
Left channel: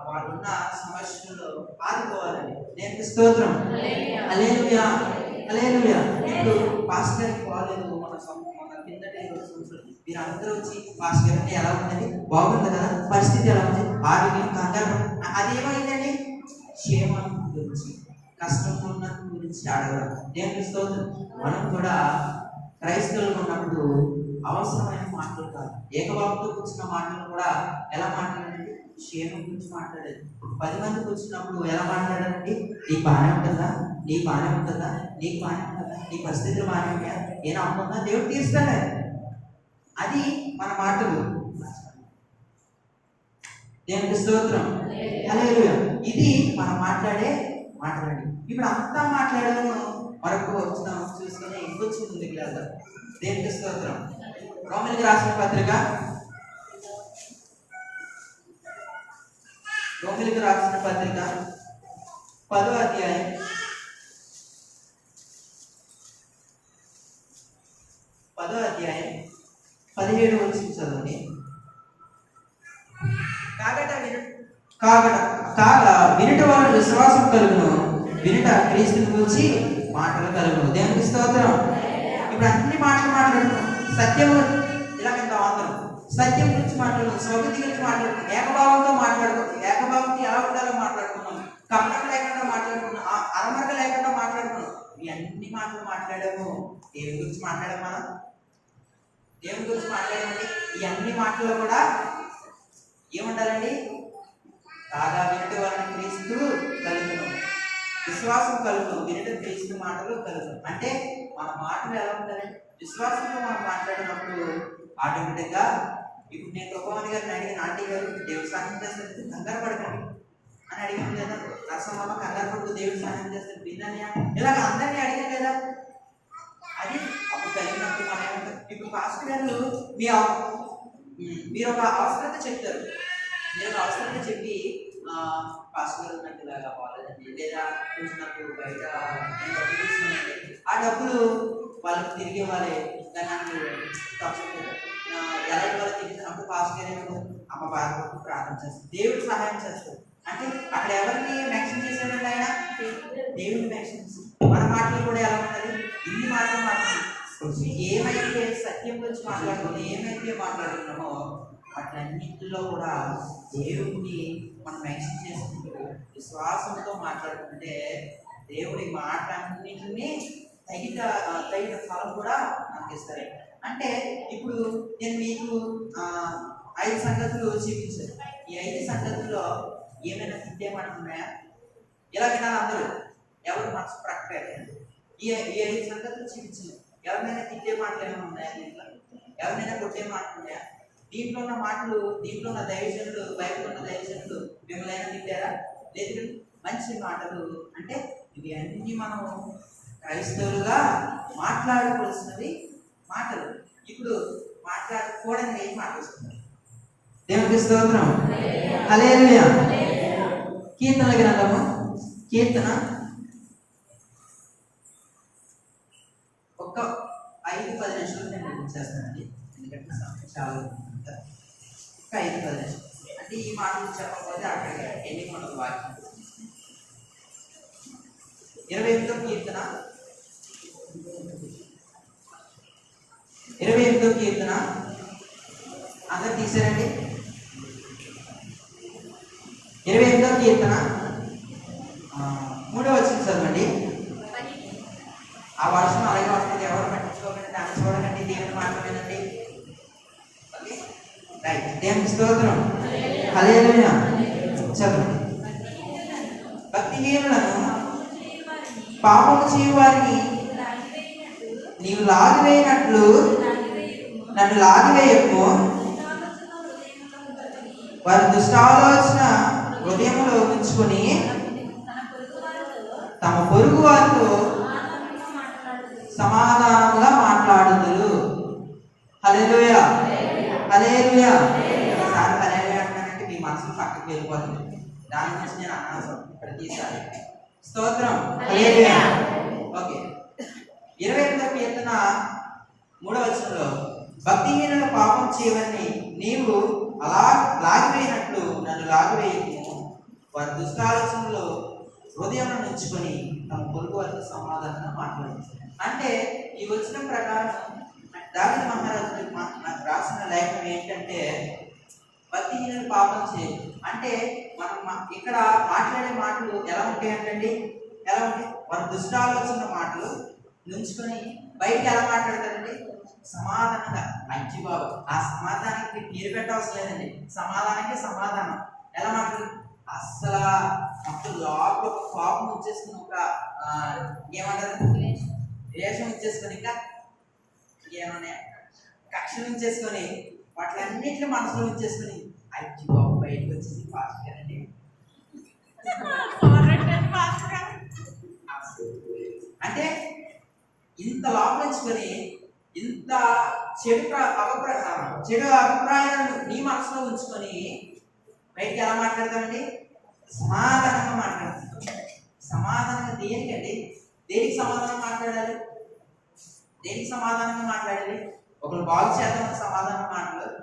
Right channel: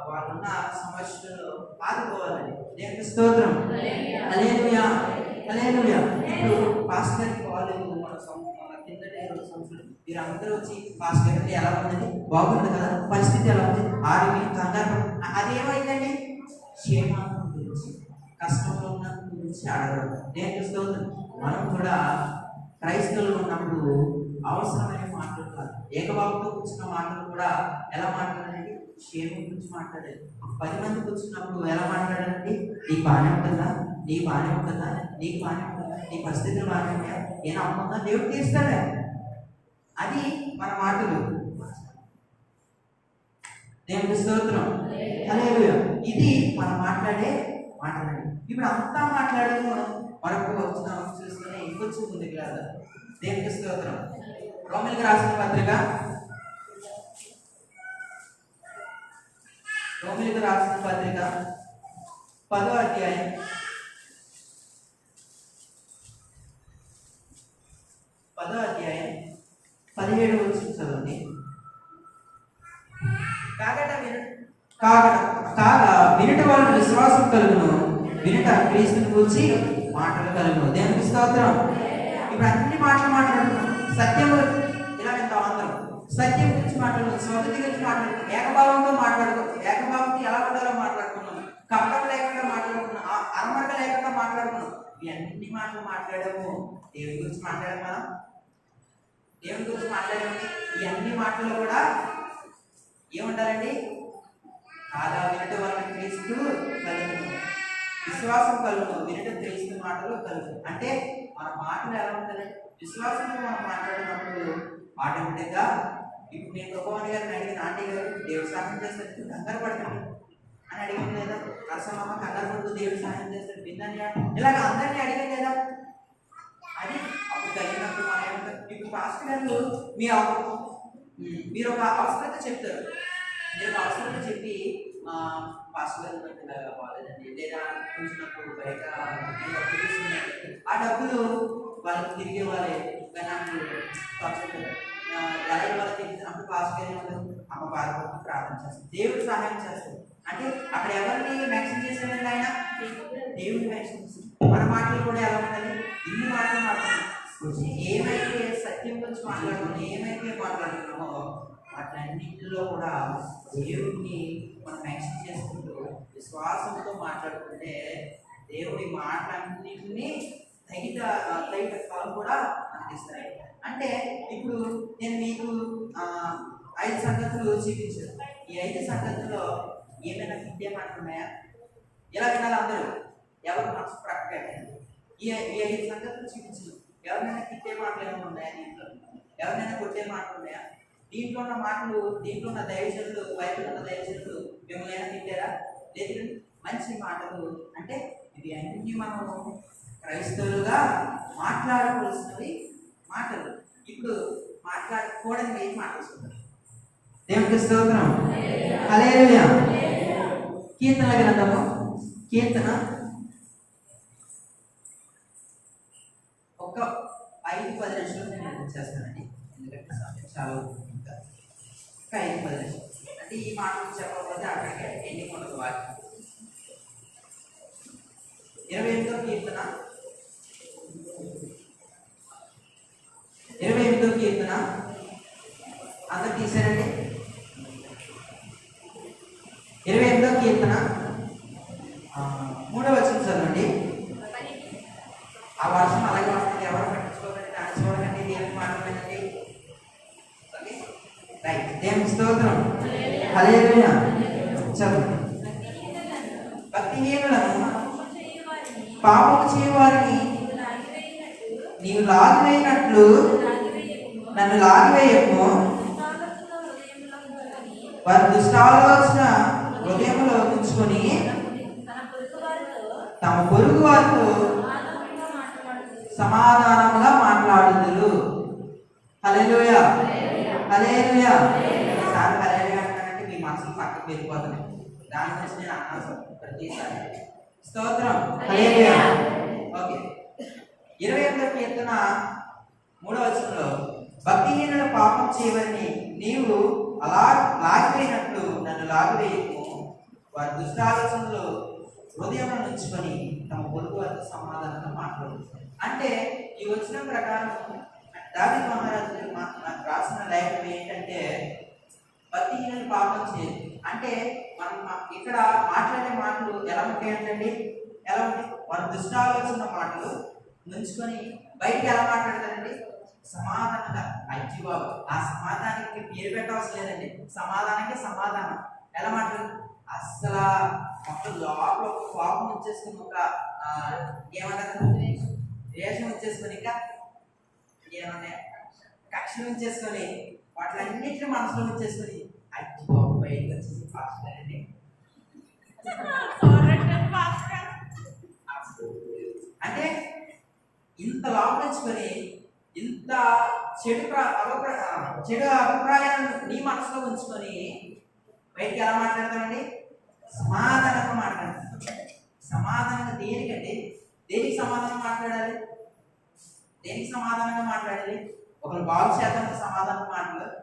వాళ్ళున్న సమస్యల్లో ఆదుకోవాలండి. దేవునికి స్తోత్రం. హల్లెలూయా. ఇప్పుడు పాస్టర్ గారికి బాగాలేదు, మన కిందటి 2 సంవత్సరాలు మీరు అందరూ వచ్చి పాస్టర్ గారికి ఎలా ఉందండి, బాగుంది కదా, పరిస్థితి ఎలా ఉంది, ఆరోగ్యం, కంగారు, అది ఏమైందండి? క్షేమం గురించి, కష్టంలో ఉన్న గురించి అడగడం. దేవునికి స్తోత్రం. మనం కూడా క్రైస్తవులు ఉన్నప్పుడు అవసరమైన మాటలు కాదు, ఏకబాబుతో కూర్చున్న మాటలు కూడా ఎలా మాట్లాడాలండి? క్షేమం గురించి మాట్లాడేది. 10 మంది కూర్చున్నప్పుడు ఎలా మాట్లాడాలండి? నీకు బాగానే ఉంటుందా, నీ పరిస్థితులు బాగానే ఉంటాయా, ఏనా అమ్ముందా, దేవుడు తీస్తాడు. అది మన మాటలు. దేవునికి స్తోత్రం. హల్లెలూయా. ఇది మనం మాట్లాడే మాటలండి. ఇప్పుడు అంతా మాట్లాడము మరొక వచనం చూసుకుని ఇంకొచ్చి ముందుకు వెళ్దాం. దేవునికి స్తోత్రం. రోమీయులకు రాసిన పత్రిక 10వ అధ్యాయం 17వ వచనం చదవండి. కాగా వినుట వలన విశ్వాసం కలుగును, వినుట క్రీస్తుని గురించి మాటలు కలుగును. దేవునికి స్తోత్రం. ఇప్పుడు అన్ని మాటలు మాట్లాడుతున్నాం. సత్యము ఇలా వింటాం అందరం. సత్యం గురించి మాట్లాడుతున్నాం, స్వగతి గురించి మాట్లాడుతున్నాం, ఏకభావంతో మాట్లాడుకుంటాం, ఏకభావంతో ఎలా ఉండాలో మాట్లాడుకున్నాం, కపటం లేకుండా మాట్లాడుకున్నాం, అరమరక లేకుండా మాట్లాడుకున్నాం. ఇవన్నీ మాటలు మాట్లాడాము. దేవుని గురించి మాట్లాడాము. మనం దేవుని గురించి మాట్లాడామండి. ఈ అన్ని మాటల్లో కూడా ఏముండాలండి? కాగా వినుట వలన క్రీస్తు కలుగును, విశ్వాసం కలుగును, వినుట క్రీస్తు మాటలు కలుగును. అంటే మన మాటలు ఎలా ఉండాలండి? విశ్వాసంతో మనం మాట్లాడినప్పుడు ఆటోమేటిక్గా ఇప్పుడు నేను ప్రభువాని గారిని అడిగిన, ఆంటీ గారు దేవుడు సహాయం చేస్తే కంగారు పడకండి అని అడిగాను లేదా? నరసమ్మ కంగారు పడుతూ దేవుడు సహాయం చేస్తే విన్నయ్యా ఇలాగ అందరినీ అడిగాను లేదా? అది అప్పుడు కలిగినప్పుడు మనం ఏమంటారు? ఇప్పుడు పాస్టర్ గారు మీరు ఒక అవసరత చెప్తారు. మీరు ఒక అవసరత చెప్పి పాస్టర్ గారు నాకు ఇలాగా బాగాలేదండి, లేదా కొంచెం నాకు బయట నేను డబ్బులు తీసుకున్నానండి, ఆ డబ్బులు వాళ్ళకి తిరిగి ఇవ్వాలి, కానీ నాకు తప్పదు ఎలా ఇవ్వాలి తెలియదు. అప్పుడు పాస్టర్ గారు ఏమంటారు? అమ్మ బాధపడుతూ ప్రార్థన చేస్తారు, దేవుడు సహాయం చేస్తారు. అంటే అక్కడ ఎవరిని మెన్షన్ చేశారండి? ఆయన దేవుడిని మెన్షన్ చేస్తారు. మన మాటలు కూడా ఎలా ఉన్నది? ఇన్ని మాటలు మాట్లాడుతున్నాం. ఏమైతే సత్యం గురించి మాట్లాడుతున్నామో, ఏమైతే మాట్లాడుతున్నామో వాటన్నింటిలో కూడా దేవుడిని మనం మెన్షన్ చేసుకుంటూ విశ్వాసంతో మాట్లాడుకుంటే దేవుడి మాటలన్నింటినీ తగిన ఫలం కూడా మనకి ఇస్తారు. అంటే ఇప్పుడు నేను మీకు 5 సంగతులు చూపించాను. ఈ 5 సంగతుల్లో ఏమైనా తిట్టే మాటలు ఉన్నాయా? ఎలా వినాలి అందరూ? ఎవరు మనసు ప్రక్కగా ఈ 5 సంగతులు చూపించాను. ఎవరినైనా తిట్టే మాటలు ఏమైనా ఉన్నాయా? దీంట్లో ఎవరినైనా కొట్టే మాటలు ఉన్నాయా? దీంట్లో ఉన్న మాటలు, దీంట్లో ఉన్న దైవజనులు, బైబిల్ ఉన్న దైవజనులు మిమ్మల్ని అయినా తిట్టారా? లేదు. మంచి మాటలు అంటే ఇవి అన్ని మనం క్రైస్తవులుగా మాట్లాడుకోవాల్సినవి మాటలు. ఇప్పుడు మాట్లాడకూడని ఏం మాట్లాడుతున్నారు? దేవునికి స్తోత్రం. హల్లెలూయా. కీర్తనల గ్రంథము కీర్తన ఒక 5-10 నిమిషాలు నేను చేస్తానండి, ఎందుకంటే సమయం చాలా ఇంకా 5-10 నిమిషాలు. అంటే ఈ మాటలు చెప్పకపోతే అక్కడికి ఎన్ని ఉండదు వాక్యం. 28వ కీర్తన 28వ కీర్తన అందరు తీసారండి. 28వ కీర్తన 3వ వచనం చదవండి. ఆ వర్షం అలాగే వస్తుంది, ఎవరు పట్టించుకోకండి, దాన్ని చూడకండి, దేవుని మాట్లాడండి. Okay right. దేవునికి స్తోత్రం. హల్లెలూయా. చదవండి. భక్తిహీనులను పాపము చేయవారిని నీవు లాగివేయనట్లు నన్ను లాగివేయకు. వారి దుష్టాలోచన హృదయంలో ఉంచుకొని తమ పొరుగు వారితో సమాధానంగా మాట్లాడుదురు. హల్లెలూయా. హల్లెలూయా. ఒకసారి హల్లెలూయా అంటానంటే మీ మనసు పక్కకి వెళ్ళిపోతుంది. దాని గురించి నేను అన్నాను ప్రతిసారి. స్తోత్రం. హల్లెలూయా. ఓకే. 28వ కీర్తన 3వ వచనంలో భక్తిహీనుల పాపం చేయవని నీవు అలా లాగివేయనట్లు నన్ను లాగివేయకు. వారి దుష్టాలోచనలో హృదయం ఉంచుకొని తమ పొరుగు వారితో సమాధానంగా మాట్లాడుతుంది. అంటే ఈ వచనం ప్రకారం దావీదు మహారాజు రాసిన లేఖనం ఏంటంటే భక్తిహీనులు పాపం చేయదు. అంటే మనం ఇక్కడ మాట్లాడే మాటలు ఎలా ఉంటాయంటండి? ఎలా ఉంటాయి? వారి దుష్టాలోచన మాటలు నుంచుకొని బయటకు ఎలా మాట్లాడతారండి? సమాధానంగా. అజ్జి బాబు, ఆ సమాధానానికి పేరు పెట్టవలసిన లేదండి. సమాధానానికి సమాధానం. ఎలా మాట్లాడు? అస్సలు మొత్తం లోపల ఒక కోపం వచ్చేసుకుని, ఒక ఏమంటారు, ద్వేషం వచ్చేసుకొని, ఇంకా ఏమన్నా కక్ష ఉంచేసుకొని వాటిలన్నింటినీ మనసులో ఉంచేసుకుని అయ్యో బయటకు వచ్చేసి ఫాస్ట్ గారండి అంటే ఇంత లోపల ఉంచుకొని ఇంత చెడు అభిప్రాయాలను నీ మనసులో ఉంచుకొని బయటికి ఎలా మాట్లాడతామండి? సమాధానంగా మాట్లాడతాం. సమాధానంగా దేనికండి? దేనికి సమాధానం మాట్లాడాలి? దేనికి సమాధానంగా మాట్లాడాలి? ఒకరు బాగు చేద్దాం సమాధానం మాట్లాడదు.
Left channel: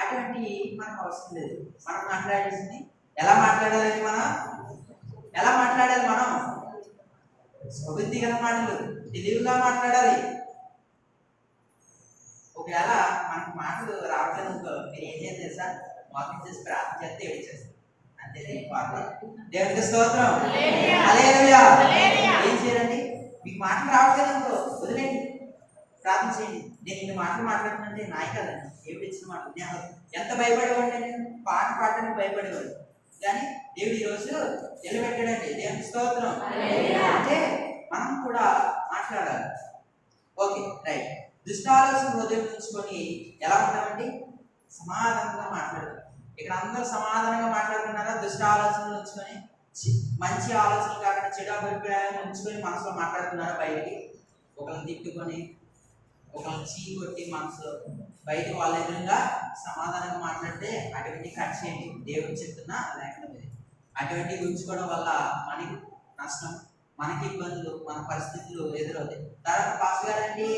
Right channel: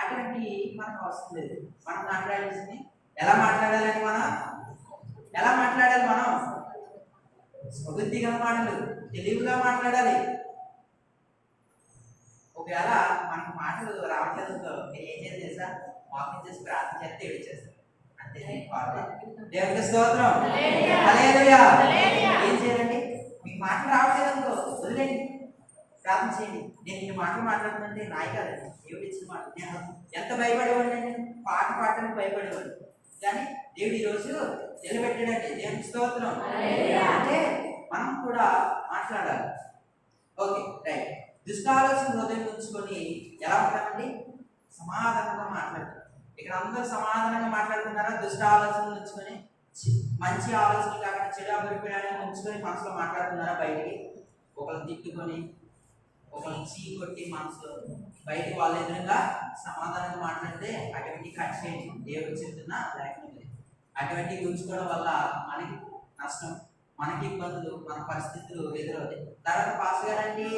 అటువంటి మనకు అవసరం లేదు. మనం మాట్లాడాల్సింది ఎలా మాట్లాడాలి? ఎలా మాట్లాడాలి? మనం స్వబుద్ధి గల మాటలు తెలివిగా మాట్లాడాలి. ఒకవేళ మనకి మాటలు రావట్లేదు అనుకో, మీరు ఏం చేయాలి తెలుసా? మోసం చేసి ప్రార్థన చేస్తే ఏడిచేస్తారు. అంతే దేవునికి స్తోత్రం. హల్లెలూయా. ఏం చేయాలండి? మీకు మాటలు రావట్లేదు అనుకో, వదిలేండి, ప్రార్థన చేయండి. నేను ఇన్ని మాటలు మాట్లాడుతుంటే నాయ కాదండి, దేవుడు ఇచ్చిన మాటలు. నేను ఎంత భయపడేవాడిని, నేను పాట పాడడానికి భయపడేవాడు, కానీ దేవుడు ఈరోజు నిలబెట్టాడండి. దేవునికి స్తోత్రం. అంటే మనం కూడా మాట్లాడాలి. Okay, right. దుష్టాలోచన హృదయం ఉంచుకొని ఎలా ఉంటామండి? సమాధానంగా మాట్లాడతారు. ఇక్కడ అందరూ సమాధానంగా మాట్లాడుతున్నారా? దుష్ట ఆలోచనలు ఉంచుకొని, మంచి ఆలోచనలు కాకుండా చెడు అభిప్రాయాలను ఉంచుకొని మనసులో మాట్లాడుతున్నారా? బయటికి ఒకరిని తిట్టుకొని, ఒకరిని చీ కొట్టి మనసులో బయటకు వాళ్ళ ఎదురుగా సమాధానంగా మాట్లాడితే అటువంటి కట్ చేయండి. దేవుడు చెప్తున్నా లేకపోతే అటువంటివి ఉంచుకోవడం వల్ల మనకి నష్టం, మనకి ఇబ్బందులు, మన పరిస్థితులు ఎదురవుతాయి. తర్వాత పాస్ గారండి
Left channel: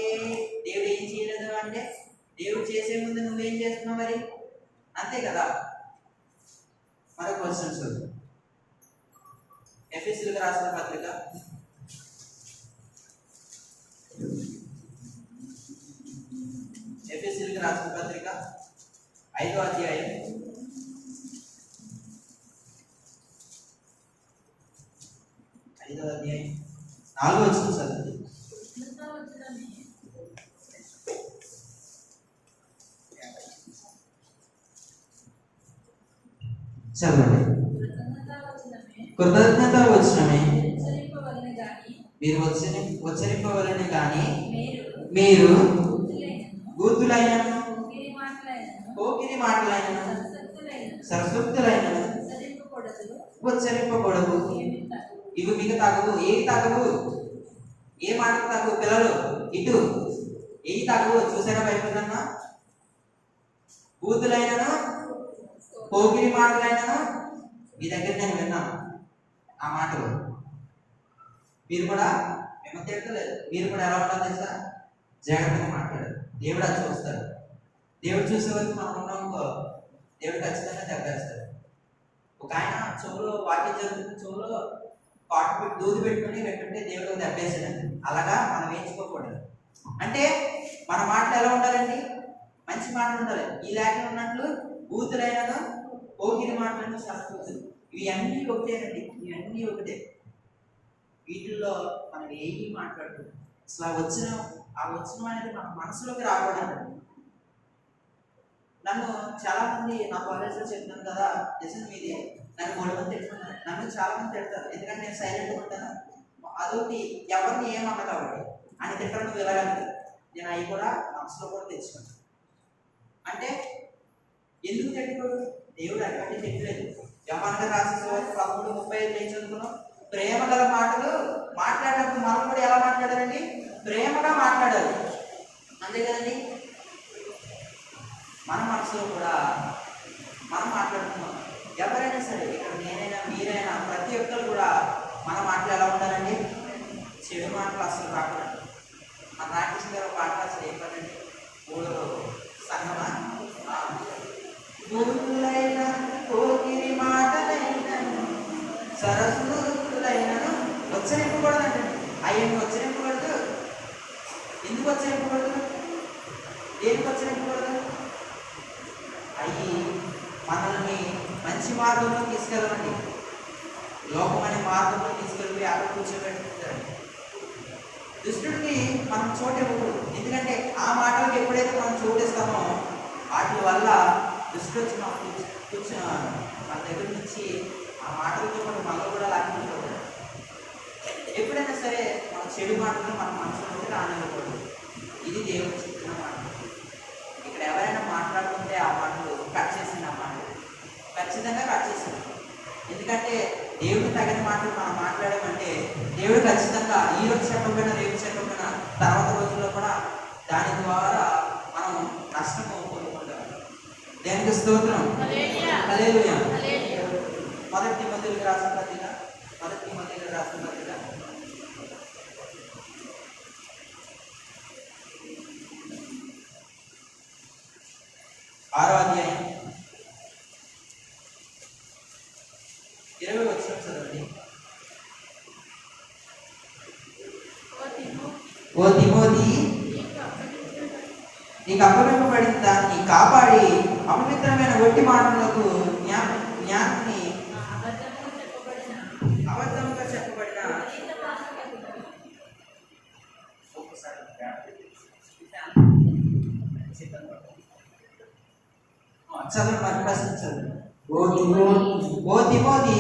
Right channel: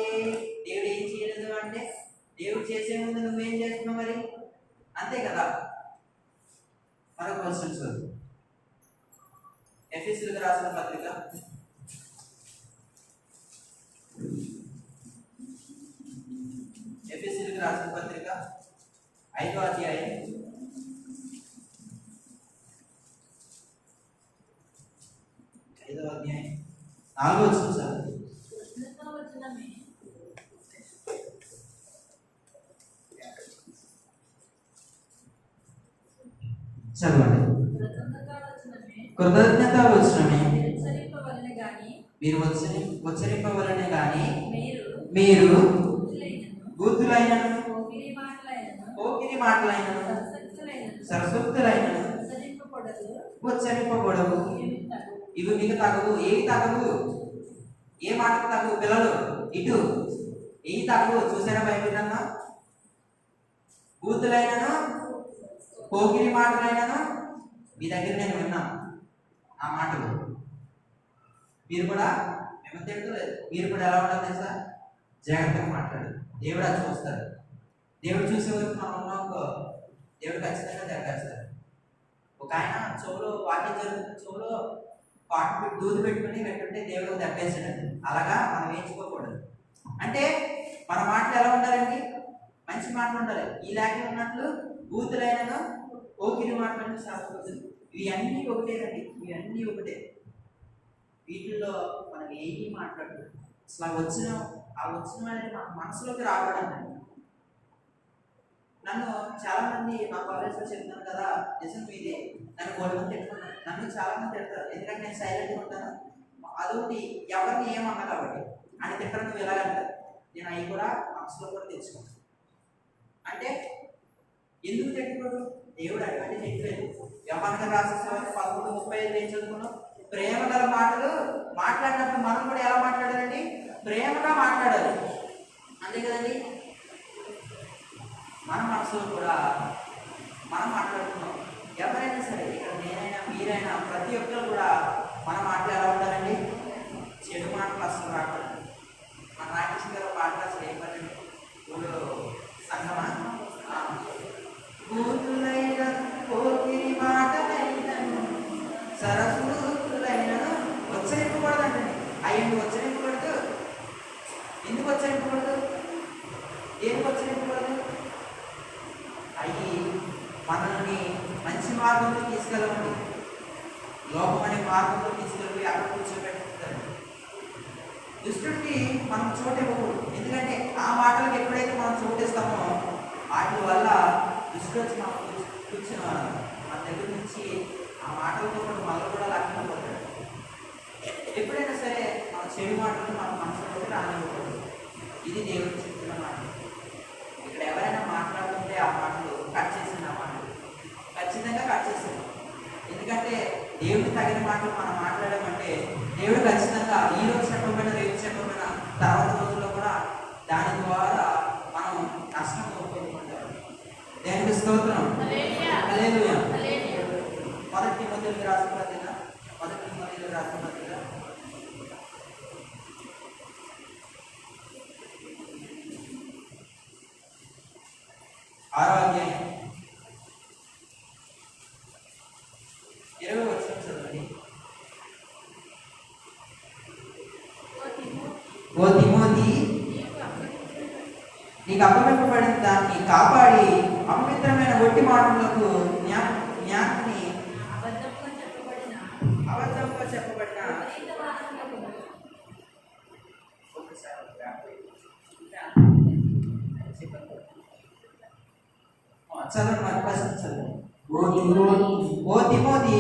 దేవుడు ఏం చేయలేదు అంటే, దేవుడు చేసే ముందు నువ్వేం చేస్తున్నావు మరి? అంతే కదా. మరొక క్వశ్చన్ చూద్దాం. ఎఫెసీయులకు రాసిన పత్రిక ఎఫెసీయులకు రాసిన పత్రిక 5వ అధ్యాయం 4వ వచనం చదవండి. చదవండి. కృతజ్ఞత వచనమే మీరు ఉచ్చరింపవలెను గాని మీరు గూతులైనను పోకిరి మాటలైనను సరసూక్తులైనను ఉచ్చరింపకూడదు. ఇవి మీకు తగవు. ఏవి తగవు? ఏ మాటలు తగవు? పిల్లలు ఇటు ఏవి తగవు? చూసారా బైబిల్? బూతులైనను పోకిరి మాటలైనను మీ దగ్గర నేను విన్నాను ఆ మాటలు. మీరు కూడా మిమ్మల్ని తిట్టలేదు. మీరు కూడా ఎలా ఉండాలి తెలుసా? జాగ్రత్తగా మాట్లాడు. దేవుడు అది చూస్తాడు. దేవుడు చూసే వరకు మనం ఉన్నామనుకో, దేవుడు ఖచ్చితంగా దెబ్బేస్తాడు. ఒక ఆయన చెవులో వాక్యం జరుగుతుంది, చెవులో పాటు దూది పెట్టుకుని పెట్టుంటే దేవుడు దెబ్బేసాడండి. అలాగా మనం వేయించుకోకూడదు. అంటే మన మాటలు ఎలా ఉండాలండి? మంచి మాటలు ఉండాలి. ఈ లేఖలో ఉన్నట్లు బూతులైనను పోకిరి మాటలను శాస్త్రబుద్ధులు, ఇవన్నీ ఒకటేనండి. ఇవన్నీ ఒకటే. వీటిల్లో మనం ఏమి మాట్లాడుతుంది అసలు ఆ వచ్చిన అనేది మన మనసులోకి రాకూడదు. నన్ను చాలా మంది నా కాలేజ్లో చెప్తున్నాను కదా, నిజం మీది, నన్ను 3 మంది తిట్టుకున్నాను. నన్ను చాలా మంది తిడతారు, ఎందుకంటే నేను సైలెంట్గా ఉంటాను. అదొకటి ఎవరిని ఏమన్నా కాబట్టి అని తిట్టడం నువ్వు ఎలాగంటారు. నేను అవి కూడా మనసులో కూడా తెచ్చుకున్నాను. అంటే ఎందుకు తిట్టుకోడు? దేవుడు అటువంటి తిట్టలేదు. యోహాను రాసిన 13:35 ఏం చదువుకున్నాం? ప్రేమ గల మాటలు మాట్లాడినప్పుడు మనం కూడా ఎలా మాట్లాడాలండి? ప్రేమగా మాట్లాడాలి. అంతే కదండి. మన మనసులో కూడా మనం మాట్లాడుతున్నాం. ఎవరైనా సరే, ఇక్కడ నేనైనా మీరైనా ప్రతి ఒక్కరు కూడా మన మాటలు ఎలా ఉండాలండి? చెడు మాటలు అసలు రాకూడదు. మన రాకేష్ గారు పాట రాసి ఏం పడండి? ఊళ్ళో సంగమా భూతులైన పోకిరి మాటలైనను సరస్వతులైనను ఉచ్చరింపకూడదండి. అయ్యను ఉచ్చరింపకూడదు. ఎందుకు ఉచ్చరింపకూడదు? దేనికి ఉచ్చరింపకూడదు? అవి మనల్ని మంచి మార్గంలో తీసుకెళ్ళమండి. లోకమనే మార్గంలో తీసుకెళ్ళి అక్కడ కూర్చోబెట్టుకుంటారండి. దుష్టుడికి మనం చోటు ఇవ్వకూడదు. ఎందుకంటే ఆ మాటలకు ఎప్పుడైతే మనం చోటు ఇస్తామో వాటి వల్ల దుష్టుడు వచ్చి మనం కూర్చున్న మన దగ్గర నుంచి ఆ మాటలతో పాటు మనలో కూడా లాక్కిపోతాడు. ఎప్పుడైనా సరే మన చెడు మాటలు మన మనసులోకి రానివ్వకూడదు. ఇది దేవుడు చెప్పిన మాటలు. ఇక్కడ ఎవరైనా మాట్లాడుతుంటే ఆ మాటలు కట్ చేసింది, ఆ మాటలు ఖచ్చితంగా కట్ చేసింది. ఎందుకంటే దేవుడికి తగిన మాటలు మనం మాట్లాడామంటే దేవుడు ఖచ్చితంగా ఈ రోజు చెప్పకపోయినా రేపు చెప్పకపోయినా తర్వాత రోజుల్లో కూడా దాని ద్వారా మనం నష్టం పొందుకుంటాం. దేవునికి స్తోత్రం. హల్లెలూయా. మొదటి తిమోతేయులకు రాసిన పత్రిక 6వ అధ్యాయం 20వ వచనం చదవండి. ఓ తిమోతి, నీకు అప్పగింపబడిన దాన్ని కాపాడి అపవిత్రమైన ఒట్టి మాటలకు జ్ఞానాన్ని అబద్ధంగా చెప్పబడిన ఓ తిమోతి,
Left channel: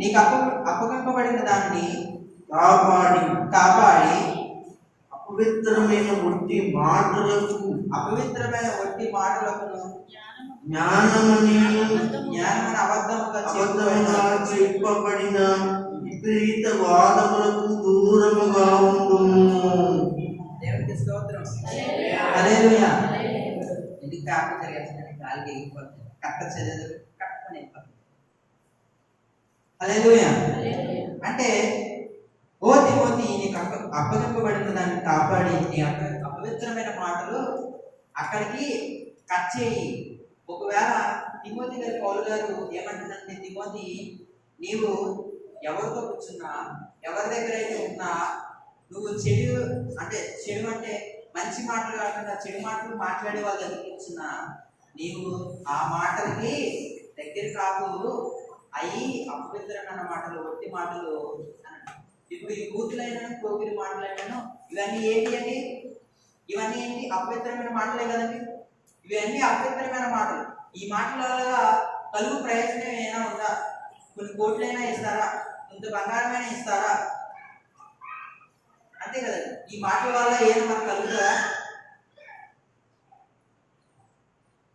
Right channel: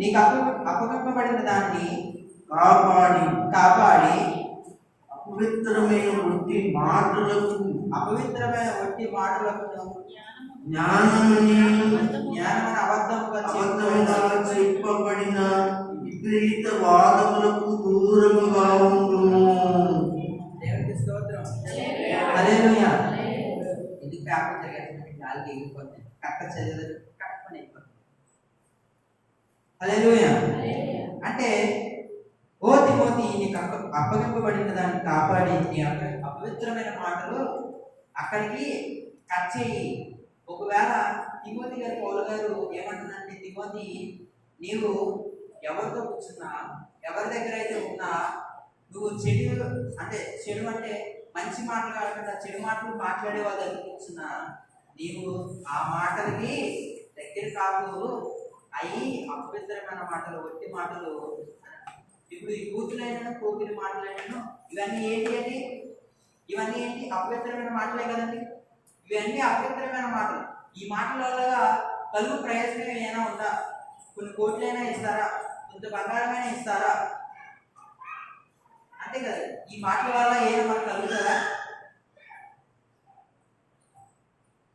నీకు అప్పగింపబడిన దాన్ని కాపాడి అపవిత్రమైన ఒట్టి మాటలకు జ్ఞానమని అబద్ధముగా చెప్పబడిన విపరీత వాదములకు దూరముగా ఉండుము. దేవునికి స్తోత్రం. హల్లెలూయా. ఇది పేపర్ చదివేసిన గాలికి ఎగిరిపోతుంది, కట్ట చదివేది కట్టని అయిపోతుంది. హల్లెలూయా. అంటే ఓ తిమోతి, నీకు అప్పగింపబడిన దాన్ని కాపాడి నీ అపవిత్రమైన మాటలు అక్కడికి కట్ చేయి. ఒకవేళ తిమోతి గారు పౌలు గారు ఏమంటుందంటే, తిమోతి నీవు ఎవరితో కూర్చున్నా, ఎవరి దగ్గర అయితే ఉన్నా, నువ్వు చెడు అంటే మంచి మాటలు కాకుండా చెడు మాటలు మాట్లాడే వాళ్ళ దగ్గర కూర్చున్నా, నీవు ఆ మాటలకి దగ్గర కాదు, అవి అపవిత్రమైన మాటలు, ఒట్టి మాటలు. ఇప్పుడు ఈ కూతులైనా కోకిరి మాటలైనాను ఇవన్నీ ఏంటి అపవిత్రమైన మాటలే కదండి. ఇవన్నీ అపవిత్రమైన మాటలు. ఈ మాటల వల్ల కలుగు ప్రయోజనం ఏమైనా ఉందా? కొన్ని కోట్లైనా ఇస్తారా? కొంత బంగారమైనా ఇస్తారా? అంతే కదండి. ఈ మాటల వల్ల ఏమైనా మనకు కలుగుతుందా?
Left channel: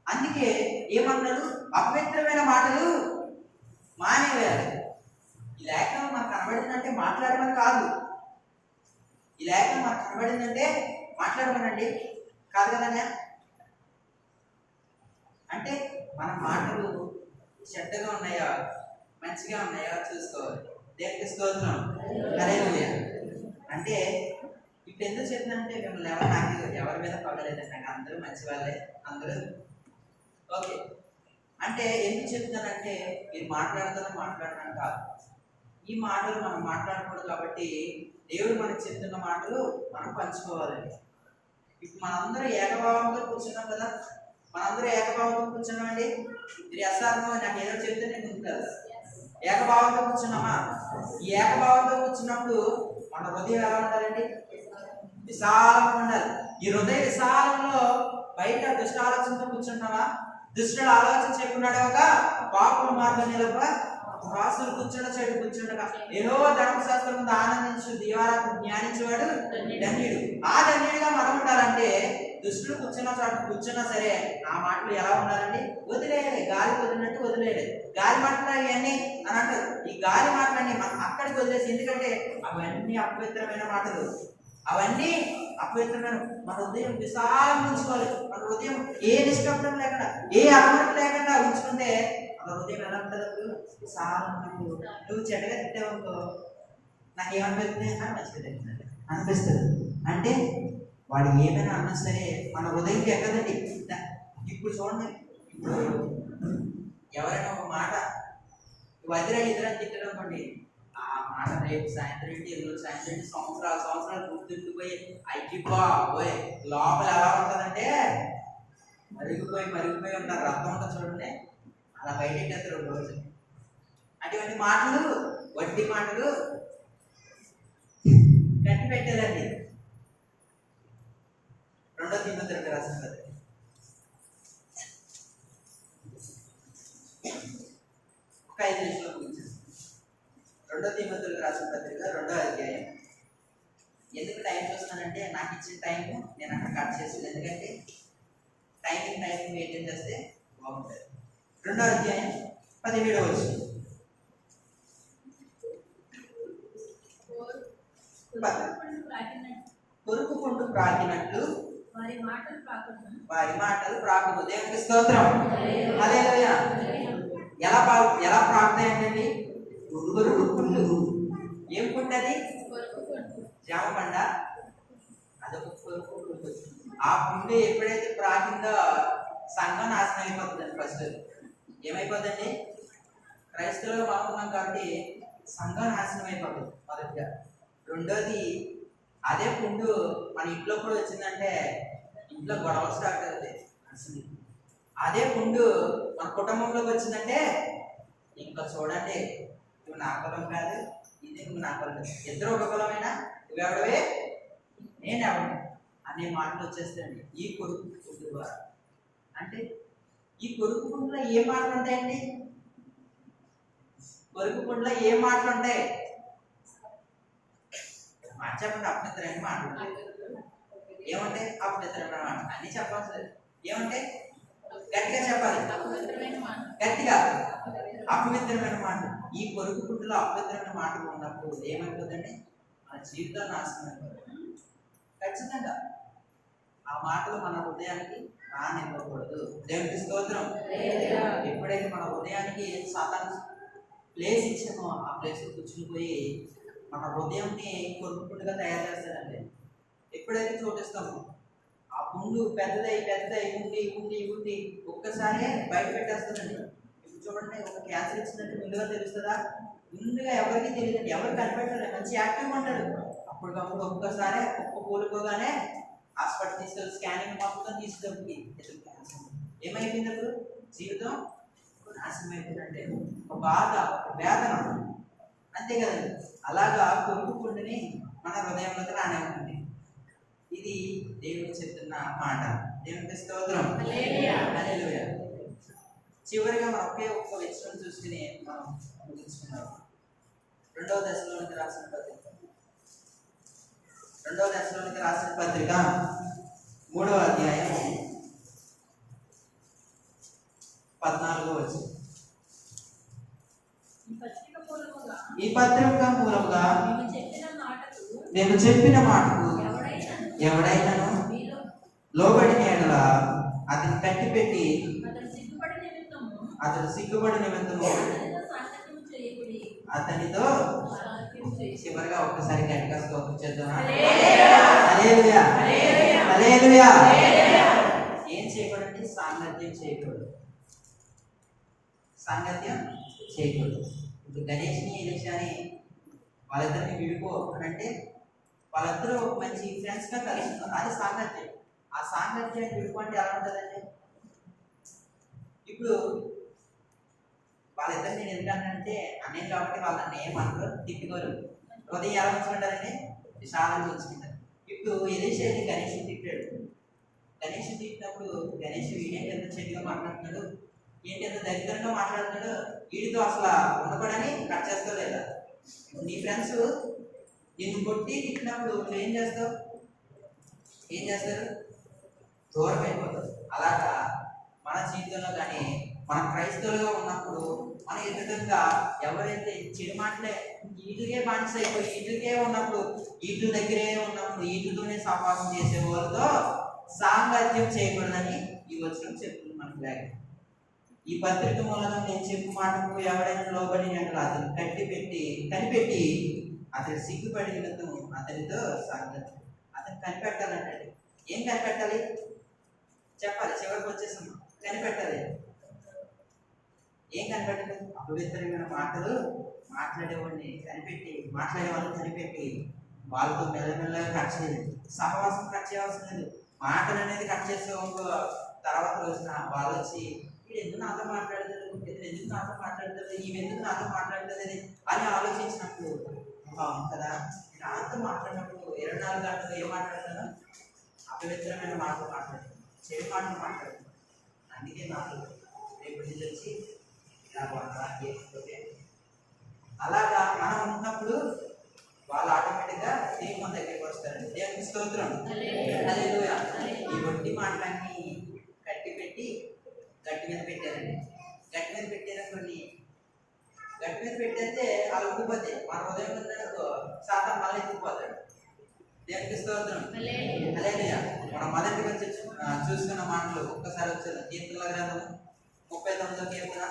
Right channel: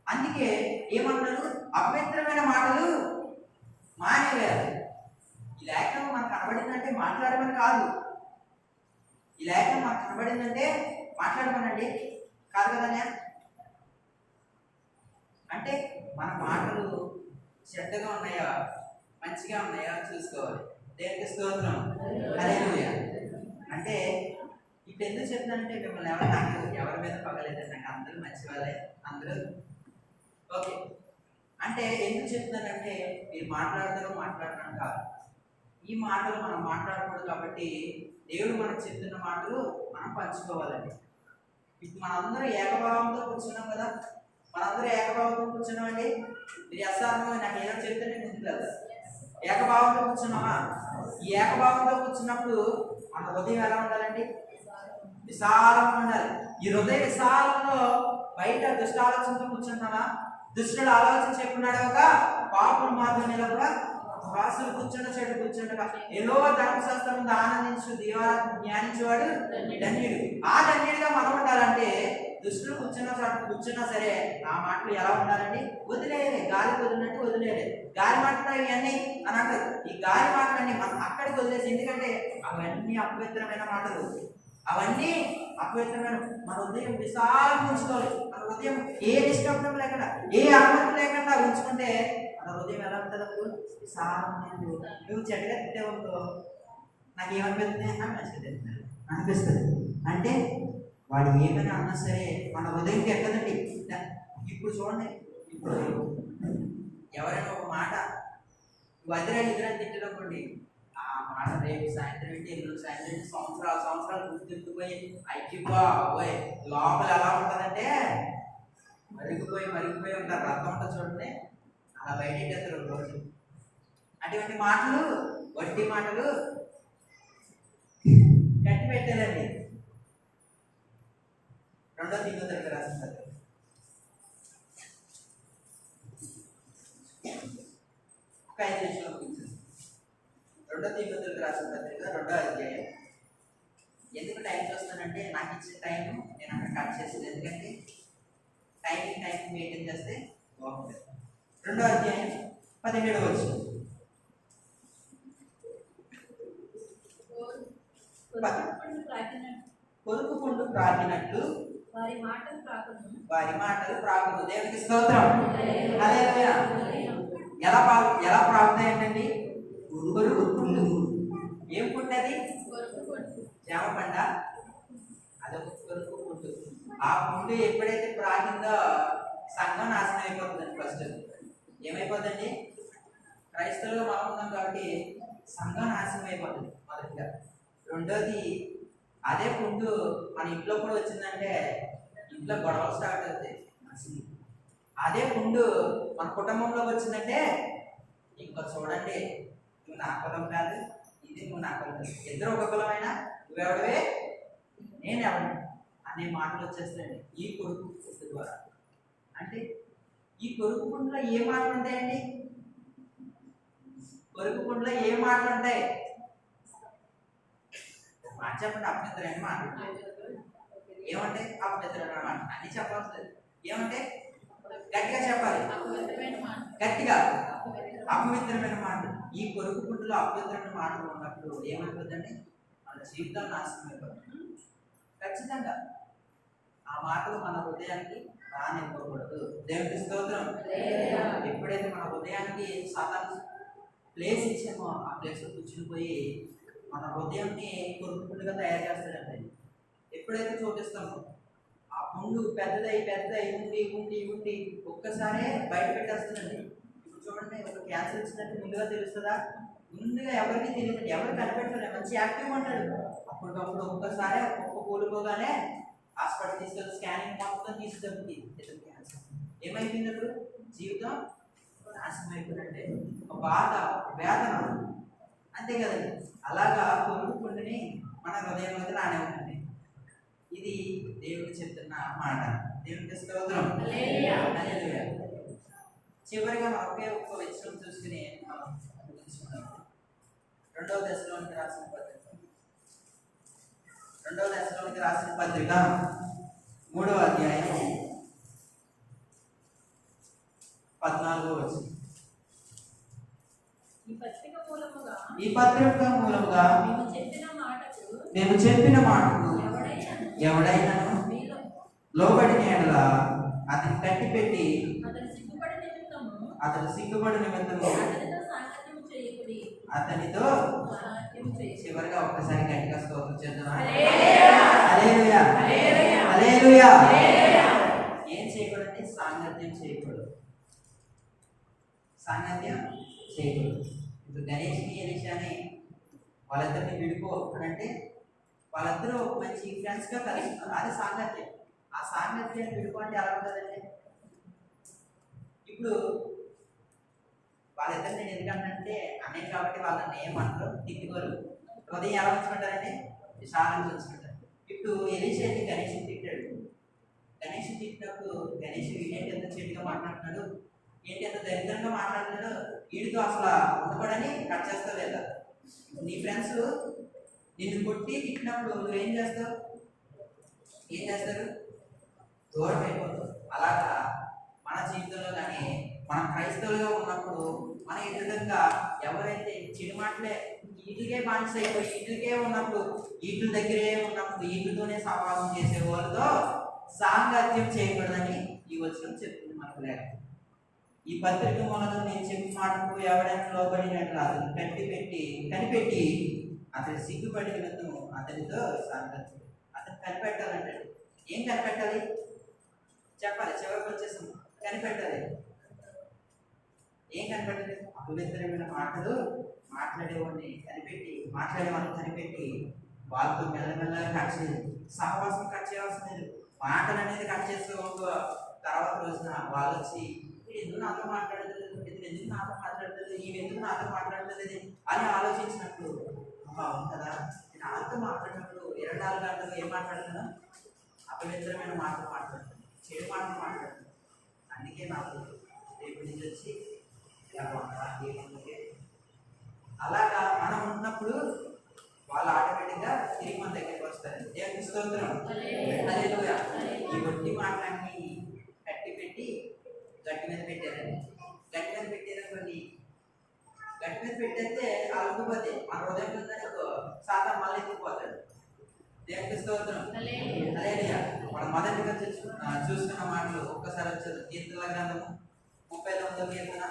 అందుకే ఏమంటారు, అపవిత్రమైన మాటలు మానేయాలి. ఈ లేఖనం మనకు కనబడిందంటే మాట్లాడమని కాదు. ఈ లేఖనం మనకు కనబడిందంటే మాట్లాడమనండి కాదు కదనే. అంటే మన మాటలు చెడ్డగా ఉన్నాయా మంచిగా ఉన్నాయా చూసుకోవాలి. దేవునికి స్తోత్రం. హల్లెలూయా. అంటే ఇప్పుడు ఎందుకు చెప్తానంటే మిమ్మల్ని ఎవరి మీద పగలేదండి, నాకు అందరూ మంచి వాళ్ళే, అందరూ ఓకే. అంటే ఎందుకు చెప్తానంటే మీరు మాట్లాడతాను కాదు. ఈ మాటలు మనం మాట్లాడకూడదు కాబట్టి దేవుడు మనకు చెప్తున్న మాటలు మనం పంచుకోవాలండి. ఇప్పుడు మనందరూ ఏకభావంతో కూర్చున్నాం కదా, మనందరూ ఏకభావంతో కూర్చున్నామండి. మీరు ఎస్ఆర్మో నాకు ఏదో చెప్తే నేను ముందుకు వెళ్తా. ఏకభావంతో కూర్చున్నామా? ఈ ఏకభావంతో కూర్చున్నప్పుడు మన హృదయం ఎలా ఉండాలండి? విశాలంగా ఉండాలి. ఈ హృదయ విశాలంలో బయట దుష్ట ఆలోచనతో కూర్చుంటామా? దుష్టుడు ఆలోచన చెప్పున్నాడుగా, పాపుల మార్గం నిలబడ వాసులు చెడు కూర్చుండగా ఏదో ధర్మశాస్త్రం ముందు ఆనందించు దీవారాత్మ జ్ఞానించేవాడు ధన్యుడు. ఆ ధన్యుడిగా మనం ఉండాలంటే దుష్టులు కూర్చున్నా సరే ఆ మాటలు ఎలా ఉండాలండి? వదిలేయాలి. గాలి వదిలినట్టు వదిలేయాలి. గాలి మాటలు ఇవన్నీ అని అంటారు. ఈ గాలి మాటలన్నీ మనం అక్కడికి వదిలేసి, ఎందుకంటే అవన్నీ అపవిత్రమైన మాటలు, అవన్నీ అపవిత్రమైన. మన హృదయం విశాలంగా ఉంచుకోవాలి. మన హృదయం ఏ నిష్కపటం లేకుండా, ఏ అలవాటు లేకుండా ఉంచుకుంటే మన హృదయం ఎలా ఉంటుంది? అప్పుడు విశాలంగా. నువ్వు చెడ్డగా తిట్టావనుకో, నాకేమనిపిస్తుంది అని మంచిగా అనిపిస్తుంది. అంటే వాడు ఏమైనా అన్నా సరే మన హృదయంకి ఎక్కదండి. ఇప్పుడు చూడండి, ఇప్పుడు ఎవరైనా ఒక మాట వదిరాలు ఇద్దరని తిట్టనుకోండి, ఆ మాట రేపు సాయంత్రం ఏంటి, ఎల్లుండి సాయంత్రం ఏంటి, సంవత్సరాలు గుర్తుండిపోయి అయిపోయి లోపల ఎలా ఉంటుందంటే మరిగిపోయి ఉంటారు. రక్తం ఉంటుంది చూడండి, అలా బయటెట్టేస్తారు ఒక రోజు. అటువంటి మాటలు, వడ్డీ మాటలు కట్టి పెట్టేదండి. 2వ తిమోతికి రాసిన పత్రిక ఒక 5 నిమిషాలు ముగించేసి. 2వ తిమోతికి రాసిన పత్రిక 2వ అధ్యాయం. ఎందుకు టైం చూస్తానంటే నాకు ఇచ్చిన టైం నేను అక్కడ కట్ చేసేది, ఎందుకంటే టైమింగ్ మెయింటైన్ చేస్తే బాగుంటుంది. 2వ అధ్యాయం 17వ వచనం. కొరుకు పుండు ప్రాకినట్లు వారి మాటలు ప్రాకును. దేవునికి స్తోత్రం. హల్లెలూయా. ఎలా ప్రాకుతాయండి? కొరుకు పుండు. ఏం పుండు అది? జామ పండ. అదొక కొరుకు పుండు. ఆ పుండు ఎప్పుడైతే ప్రాకిందో సంఘం నాశనం అయిపోతుందండి. ఫస్ట్ ఏమైపోతుందండి? క్రైస్తవులుగా బాగున్నాం కాబట్టి సంఘం నాశనం అయిపోతుంది మొదటిగా. రెండోది, అదే పుండు మన ఇంట్లో కూడా వచ్చిందంటే ఇంట్లో గొడవలు స్టార్ట్ అవుతాయి. అసలు అదే పుండు మన కుటుంబంలోకి వచ్చిందంటే ఇంకా చూడండి, నువ్వు నా కులం కాదు, ఇది నువ్వు నా కులం కాదు, ఇద్దరు ఒక కులమైనా నువ్వెవడవే నేను ఎవడు అనే మాటలు వచ్చేస్తాయండి ఈ కొడుకు పుండు ద్వారా. అంటే ఈ కొడుకు పుండులో ఏ మాటలు ఉంటాయండి? కొడుకు పుండులో ఏ మాటలు ఉంటాయి? మాట చెప్పండి. అపవిత్రమైన మాటలు ఏమంటే? అపవిత్రమైన మాట అన్ని చెప్పాల్సి. ఏమంటే? గట్టిగా చెప్పాలి, గట్టిగా. అపవిత్రమైన మాటలు. ఈ కొరుకు పుట్టులో అపవిత్రమైన మాటలు ఉన్నప్పుడు ఏమైపోతుందండి? మన జీవితం నాశనం అయిపోతుంది. ఖచ్చితంగా ఆ మాటలు మన హృదయానికి రానివ్వకూడదు. దేవునికి స్తోత్రం. ఎప్పుడైతే మన హృదయానికి సాతాను ప్లేస్ ఇచ్చామో ఆ ప్లేస్లో కూర్చుని పోయి మన హృదయంని కొరుకు పుండుగా తయారు చేస్తాడండి. ఎప్పుడైతే చోటిస్తామో ఆ పుండు పెద్దదై ఉండి ఒక్కసారే బయట పెట్టేస్తుందండి. ఇప్పుడు చూడండి, ఒక క్యాన్సర్ వచ్చిందంటే ముందుగా తెలుస్తుందా? ముందుగా ఎవరికి తెలియదండి, ఎవరు కనిపెట్టారు. మంచి యాక్టివ్గా ఉంటాడు. అప్పటికప్పుడు ఒక్కసారి కూలిపోగానే హాస్పిటల్ తీసుకెళ్ళి స్కానింగ్ మొత్తం తీసుకెళ్ళి ఇతను క్యాన్సర్ ఏమైపోయింది? అప్పుడు జీవితం నాశనం అయిపోయిందంటే ఒక బాధ, వేదన, అంతే కదండి. అలాగా కొరుకు పుండుని మన హృదయంలోకి రానే ఉంటుంది. ఇది దేవుడు చెప్తున్న మాట. దేవునికి స్తోత్రం. హల్లెలూయా. చివరిగా మనం ఒక్క విషయం చూసుకుని మనం ముగించుకున్నాం. 2వ దశలోనికి రాసిన పత్రిక 3వ అధ్యాయం 14వ వచనం. ఈ పత్రిక మూలముగా మేము చెప్పిన మాటకు ఎవడైనాను లోబడిన యెడల అతని కట్టిపెట్టి అతడు సిగ్గుపడి నిమిత్తము అతనితో. చివరిగా ఒక్కసారి గట్టిగా స్తోత్రం చేద్దామా? హల్లెలూయా, హల్లెలూయా. ఏం చేయకూడదంటే సాంగత్యం చేయకూడదు. ఇప్పుడు గణేష్ని ఎలిషాని వాళ్ళిద్దరిని విడిపో అని అంటే వాళ్ళిద్దరూ మంచి ఫ్రెండ్స్గా కలుస్తున్నారు. అది సాంగత్యం. ఆ సాంగత్యాన్ని విడిపో అంటే ఎలా ఉంటుందండి? ఇప్పుడు వాళ్ళిద్దరు నేను ఎందుకంటే అన్నయ్య కాబట్టి వాళ్ళని ఏమంటారు? తిట్టుకోరు. హృదయం ఎలా ఉంచుకుంటారండి? విశాలంగా ఉంచుకుంటారు. ఇప్పుడు ఎలిషా గణేష్ తిట్టాడు. గణేష్ తిట్టినప్పుడు గణేష్ ఏంటి ఎంత చెట్టుగా మాట్లాడుతున్నాడు, ఏంటి ఎంత దరిద్రంగా మాట్లాడుతున్నాడు, వీడితో అసలు ఉండకూడని కట్ చేస్తావు లేదా? నీ ఫ్రెండ్స్ నిన్ను కొట్టి తిట్టినప్పుడు నువ్వేం చేస్తావు? ఏం చేస్తారు? దూరం అయిపోతావు. అలాగా మన జీవితంలో కానీ మన క్రైస్తవులుగా ఉన్నప్పుడు మన ఎదురుగా ఎవరైతే చెడు మాటలే వీటికే బానిస అయిపోయి వీటికే ఉన్నప్పుడు వీటి దగ్గరే ఉన్నప్పుడు వీటితోనే సమాగం చేసే వాళ్ళతో సాంగత్యం చేయకూడదని ఈ వచనం చెప్తుంది మనకు. లేక ఈ పత్రిక మూలంగా నేను చెప్పు మాటకు ఎవడైనా లోబడినట్లు అతను కనిపెట్టి అతని సిగ్గుపడి నిమిత్తం అతనితో సాంగత్యం. అతను కనిపెట్టాలంటే ఏం కనిపెట్టాలి? చెప్పాలి. చివరికి వచ్చేసాం. కనిపెట్టాలి. ఏం కనిపెట్టాలి? అపవిత్రమైన మాటలు మాట్లాడే వాళ్ళని కనిపెట్టి వాళ్ళతో మెల్లమెల్లగా కట్ చేయాలి. సహవాసం కట్ చేయాల్సిన లేదు. మాటలు అనేది కట్ చేసే తర్వాత రోజున వాళ్ళు వచ్చి వీడు ఎందుకు నాతో మాట్లాడలేదు, ఇతను ఎందుకు నాతో మాట్లాడలేదు, ఇవి ఎందుకు నాతో మాట్లాడలేదు అని ఆలోచించినప్పుడు అవును కదా, నేను వాళ్ళతో మాట్లాడినప్పుడు 24 గంటలు ఏం మాట్లాడుతాను? అపవిత్రమైన మాటలు మాట్లాడుతాను, చెడు మాటలు మాట్లాడుతాను. అందుకే నాకు రేపు నుంచి వచ్చి ఇలా ఏమనుకోతే అలాగా మనం ఉన్నప్పుడు వాళ్ళు ఆటోమేటిక్గా తిరిగి మన దగ్గరికి వస్తారండి. గట్టి మీద పెట్టారండి. గట్టి మీద పెట్టారనుకోండి, గట్టి మీద పెట్టేస్తే అలా ఉండిపోతే మన హృదయం ఉందనుకో సాతాను మళ్ళీ ఎత్తుకుపోతాడు. దేవునికి స్తోత్రం. హల్లెలూయా. మనం మొదటిగా చూసుకున్న మాటలు ఒక్కసారి వచ్చారు. కీర్తనల గ్రంథము 39వ కీర్తన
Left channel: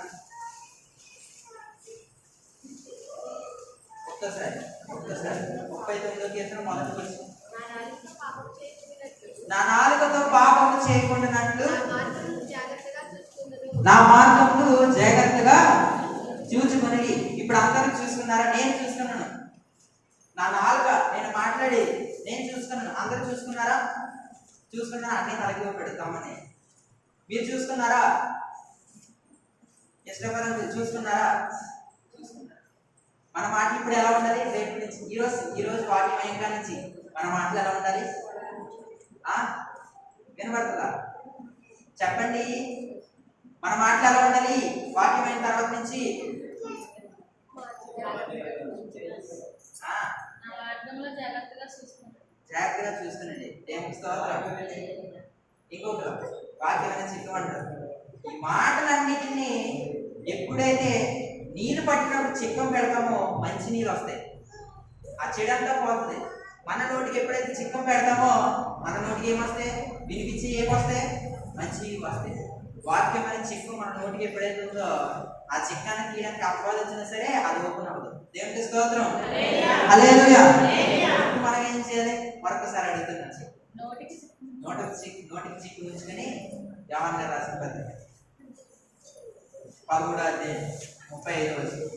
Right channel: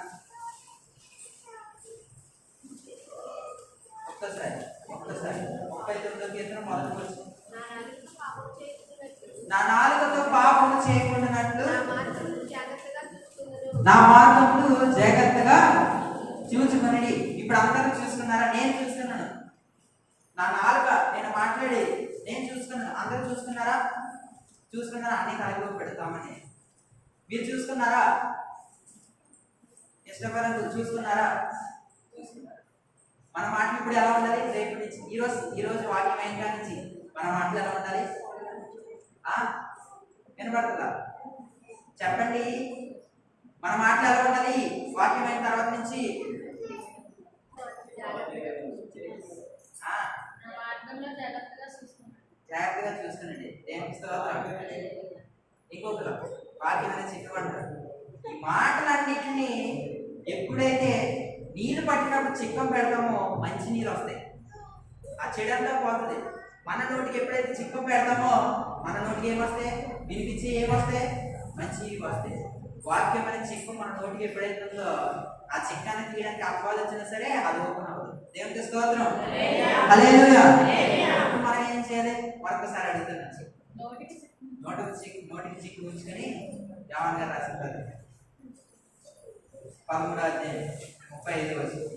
ఒక్కసారి 39వ కీర్తన మొదటి వచనం. నా నాలుకతో పాపము చేయకుండానట్లు నా మార్గములు జాగ్రత్తగా చూసుకుని. ఇప్పుడు అందరూ చూసుకున్నారా? నేను చూసుకున్నాను. నా నాలుక నేను మాట్లాడేది నేను చూసుకున్నాను. అందరూ చూసుకున్నారా? అన్ని కలిగి పెడతామని మీరు చూసుకున్నారా? ఇష్టపరంగా చూసుకున్నారా? మన మాటలు ఇప్పుడు ఎలా ఉండాలి? రేపు నుంచి ఈరోజు వాక్యం అయిన నుంచి మన మాటలు ఎలా ఉండాలి? వినబడుతుందా? చెప్పండి. మన మాటలు ఎలా ఉండాలి వాక్యం అయిన తర్వాత నుంచి? జాగ్రత్తగా చూసుకునండి. దేవునికి స్తోత్రం. ఇంకొకరు వాక్యం అనేది చిక్కమంటారు. ఈ మాటలన్నిటినీ ఎప్పుడైతే నీళ్ళు పట్టినప్పుడు చిక్కం పెడతామో మంచి నీళ్ళు వస్తాయి, ఆ చెడంతా పోతుంది. మన నోటికి ఎప్పుడైతే చిక్కం పెడతామో మన నోటికి ఏమొస్తాయి? వినిపించి ఏమొస్తాయి? మంచి వస్తాయి. వాక్యం అనే చిక్కం మన నోటికి ఎప్పుడైతే ఉందో ఆ చిక్కాన్ని తీయడానికి అపవాదం వచ్చినా సరే అది ఓపెన్ అవ్వదు. దేవునికి స్తోత్రం. హల్లెలూయా. మనం ఏం చేయాలి? మరొకసారి అడుగుతున్నాను. నోటికి చిక్కు ఉంచుకొని యోహాను గారు రాసిన పత్రిక 13వ అధ్యాయం 35వ వచనం.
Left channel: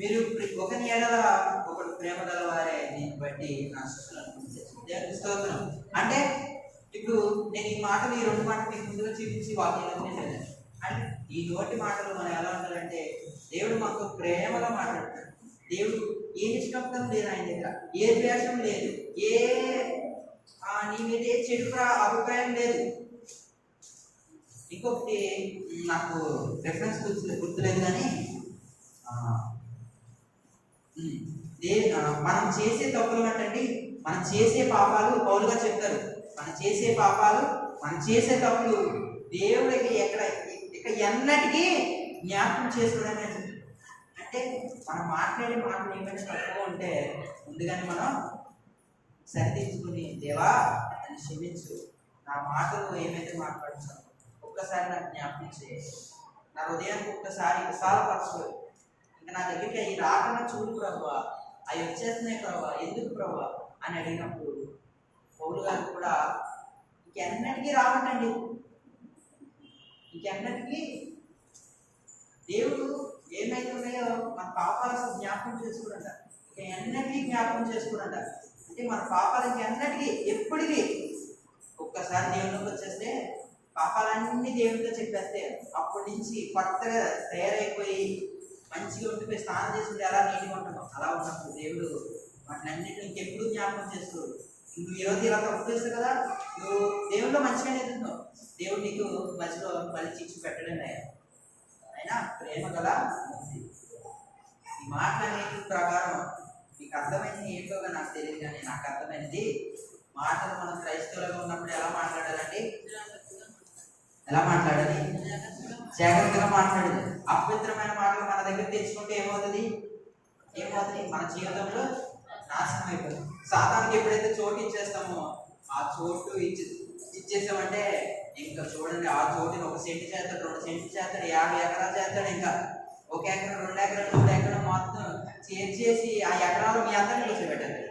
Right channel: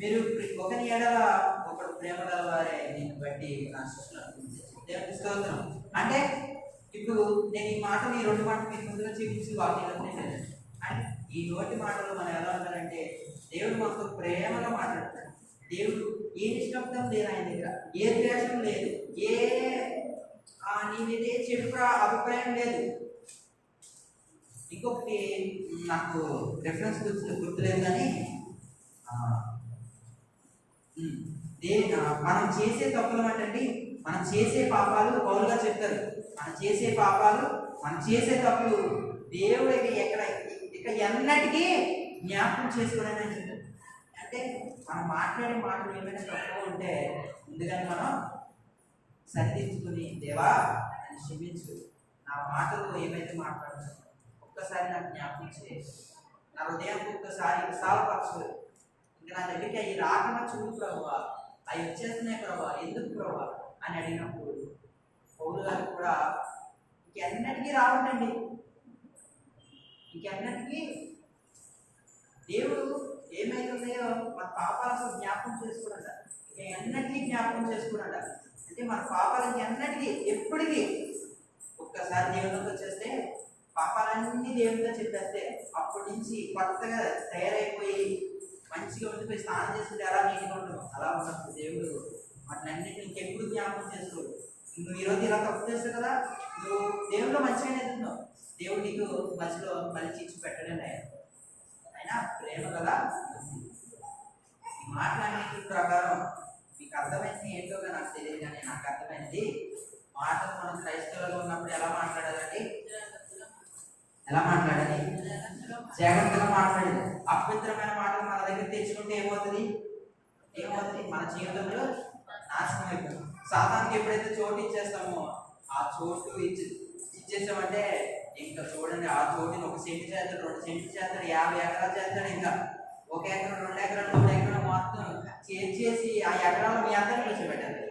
మీరు ఒకరి ఎడల ఒకడు ప్రేమ గల వారే దీన్ని బట్టి నా శిష్యులు అనుకుంటారు. దేవునికి స్తోత్రం. అంటే ఇప్పుడు నేను ఈ మాటలు ఈ 2 మాటలు మీకు ముందుగా చూపించి వాక్యంలోనే వెళ్ళాను. అంటే ఈ నోటి మాటలు మనం ఎలా ఉండాలంటే దేవుడు మనతో ప్రేమగా మాట్లాడతాడు. దేవుడు ఏ నిష్కప్తం లేదు ఆయన దగ్గర, ఏ ద్వేషం లేదు, నీ మీద ఏ చెడు అభిప్రాయం లేదు. ఇంకొకటి నాకు రెఫరెన్స్ గుర్తులేదు కానీ మనం చేసే తప్పులు అంటే మనం చేసే పాపాలు పౌలుగా చెప్తారు. మనం చేసే తప్పులు దేవుడికి ఇక ఎన్నటికీ జ్ఞాపకం చేసుకోవడానికి అంటారు. అంటే మనం మాట్లాడే మాటలు ఏమైనా తక్కువ ఉంటే ముందుగానే మనం సరిదిద్దుకుని, దేవా అని క్షమించు, నా మాటలు ఏమైతే మాట్లాడుతున్నాను ఒక్కసారి నాకు జ్ఞాపకం చేసి నా హృదయానికి ఒక్కసారి విశాలపరచు, ఇంకా నా దగ్గరికి అవి రాకుండా చూడు ప్రభువా, అవి వచ్చేస్తున్నాయి ప్రభువా, ఎందుకు ప్రభువా అని అడిగినప్పుడు పౌలు గారు కూడా ఇంకెన్నటికీ రావటండి, ఇంకెన్నటికీ దేవుడు ఏమైతే ఉన్నాయో మన పాపాలు అసలు జ్ఞాపకం చేసుకోడంట, ఇక ఎన్నటికీ జ్ఞాపకం చేసుకోడంట. అంటే మన పాపాలు ఇంకెన్నటికీ ఎప్పటికీ ఒక్కసారి దేవుళ్ళకి వచ్చేస్తే పాపాలన్నీ దేవుడితో చెప్పేస్తే అప్పటి నుంచి కొత్తగా తయారైపోయి మంచిగా ఉండిపోయి స్నానం చేసుకుంటే ఎలా నీట్గా ఉంటామో అలా ఉన్నప్పుడు దేవుడు వాటినన్నింటినీ ఇంకెప్పుడు జ్ఞాపకం చేసుకోడు. నువ్వు ఈరోజు ఇలా తప్పు చేస్తావు కదా, నువ్వు దేవుడిలో మంచిగానే ఎదుగుతున్నావు, దేవుడు నీకు మధ్యలో మళ్ళీ చిచ్చు పెట్టడం అయినా ప్రేమ కదా. ఈ మాటలన్నిటి ప్రకారం మీకు అర్థమైంది ఏంటో నాకు తెలియదు, కానీ నాకు అర్థమైంది మాటలు మనం క్రైస్తవులుగా ఉన్నప్పుడు ఎలా మాట్లాడాలండి, ఎలా మాట్లాడాలి? జాగ్రత్తగా మాట్లాడేది. అపవిత్రమైన మాటలు మన దగ్గర తెచ్చుకుంటే ఏమవుతుంది? మన జీవితంలో నాశనం అయిపోతుంది. సాతానికి ఎప్పుడైతే చోటు ఇచ్చేస్తామో ఆ చోటు ఇచ్చేసామంటే ఇంకా చూడండి, ఆ చోటుని 1 సెంటు చేస్తాడు, 2 సెంట్లు చేస్తాడు, 50 ఎకరాలు చేస్తాడు, ఇంకా 1 ఎకరం, 2 ఎకరాలు, 3 ఎకరాలు మొత్తం చేసి ఆ ఎకరాలు మీ అందరినీ కూర్చోబెట్టాలి.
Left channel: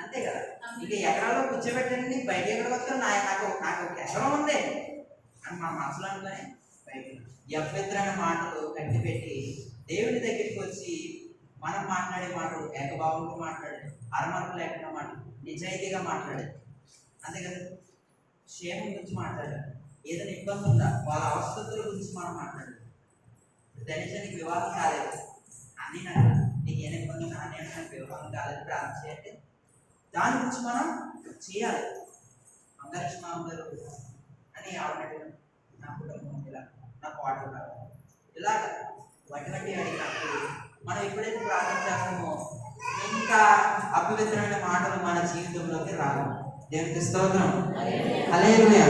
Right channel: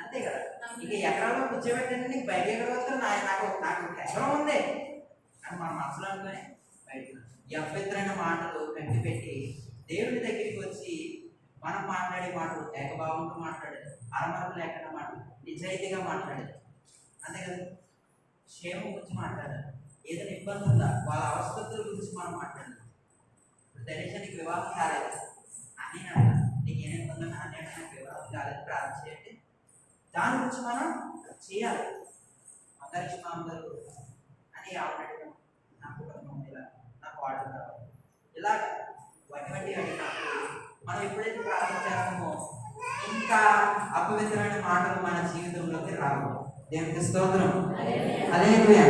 అంతే కదా, ఇంకా ఎకరాల్లో కూర్చోబెట్టండి, నీకు బయట ఎక్కడ వస్తారు, నాకు 1 ఎకరం ఉంది అని మన మనసులో అనుకుని బయట ఈ అపవిత్రమైన మాటలు కట్టి పెట్టి దేవుని దగ్గరికి వచ్చి మనం మాట్లాడే మాటలు ఏకభావంతో మాట్లాడేది, అరమరకు లేకుండా మాట్లాడు, నిజాయితీగా మాట్లాడేది. అంతే కదా, క్షేమం గురించి మాట్లాడాలి, ఏదైనా ఇబ్బంది ఉందా వాళ్ళ అవస్థల గురించి మనం మాట్లాడాలి. ఇప్పుడు ధనుషానికి వివాహం కాలేదు అని అన్నా, నీకు ఏమైనా ఇబ్బంది ఉన్నా అని నాకు వివాహం కాలేదు ప్రార్థన చేయండి, దాని గురించి మనం చేయాలి. అందరికి మా అందరూ అని ఆవిడగా నా కుటుంబం ఇలా నా పాటలు కావాలి ఇలాగ వంటి అడిగినప్పుడు మనం ఎప్పుడైతే ప్రార్థన చేస్తామో ఇంకా అపవిత్రమైన మాటలు మన జీవితంలోకి రావు. దేవునికి స్తోత్రం. హల్లెలూయా.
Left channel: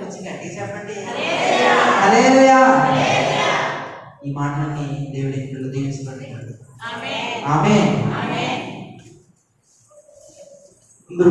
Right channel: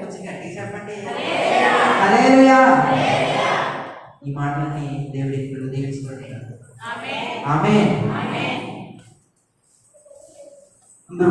కొంచెం గట్టిగా చెప్పండి. హల్లెలూయా. ఈ మాటలని దేవుడి ఇప్పుడు దీవించబడుతున్నాడు. ఆమేన్. అందరూ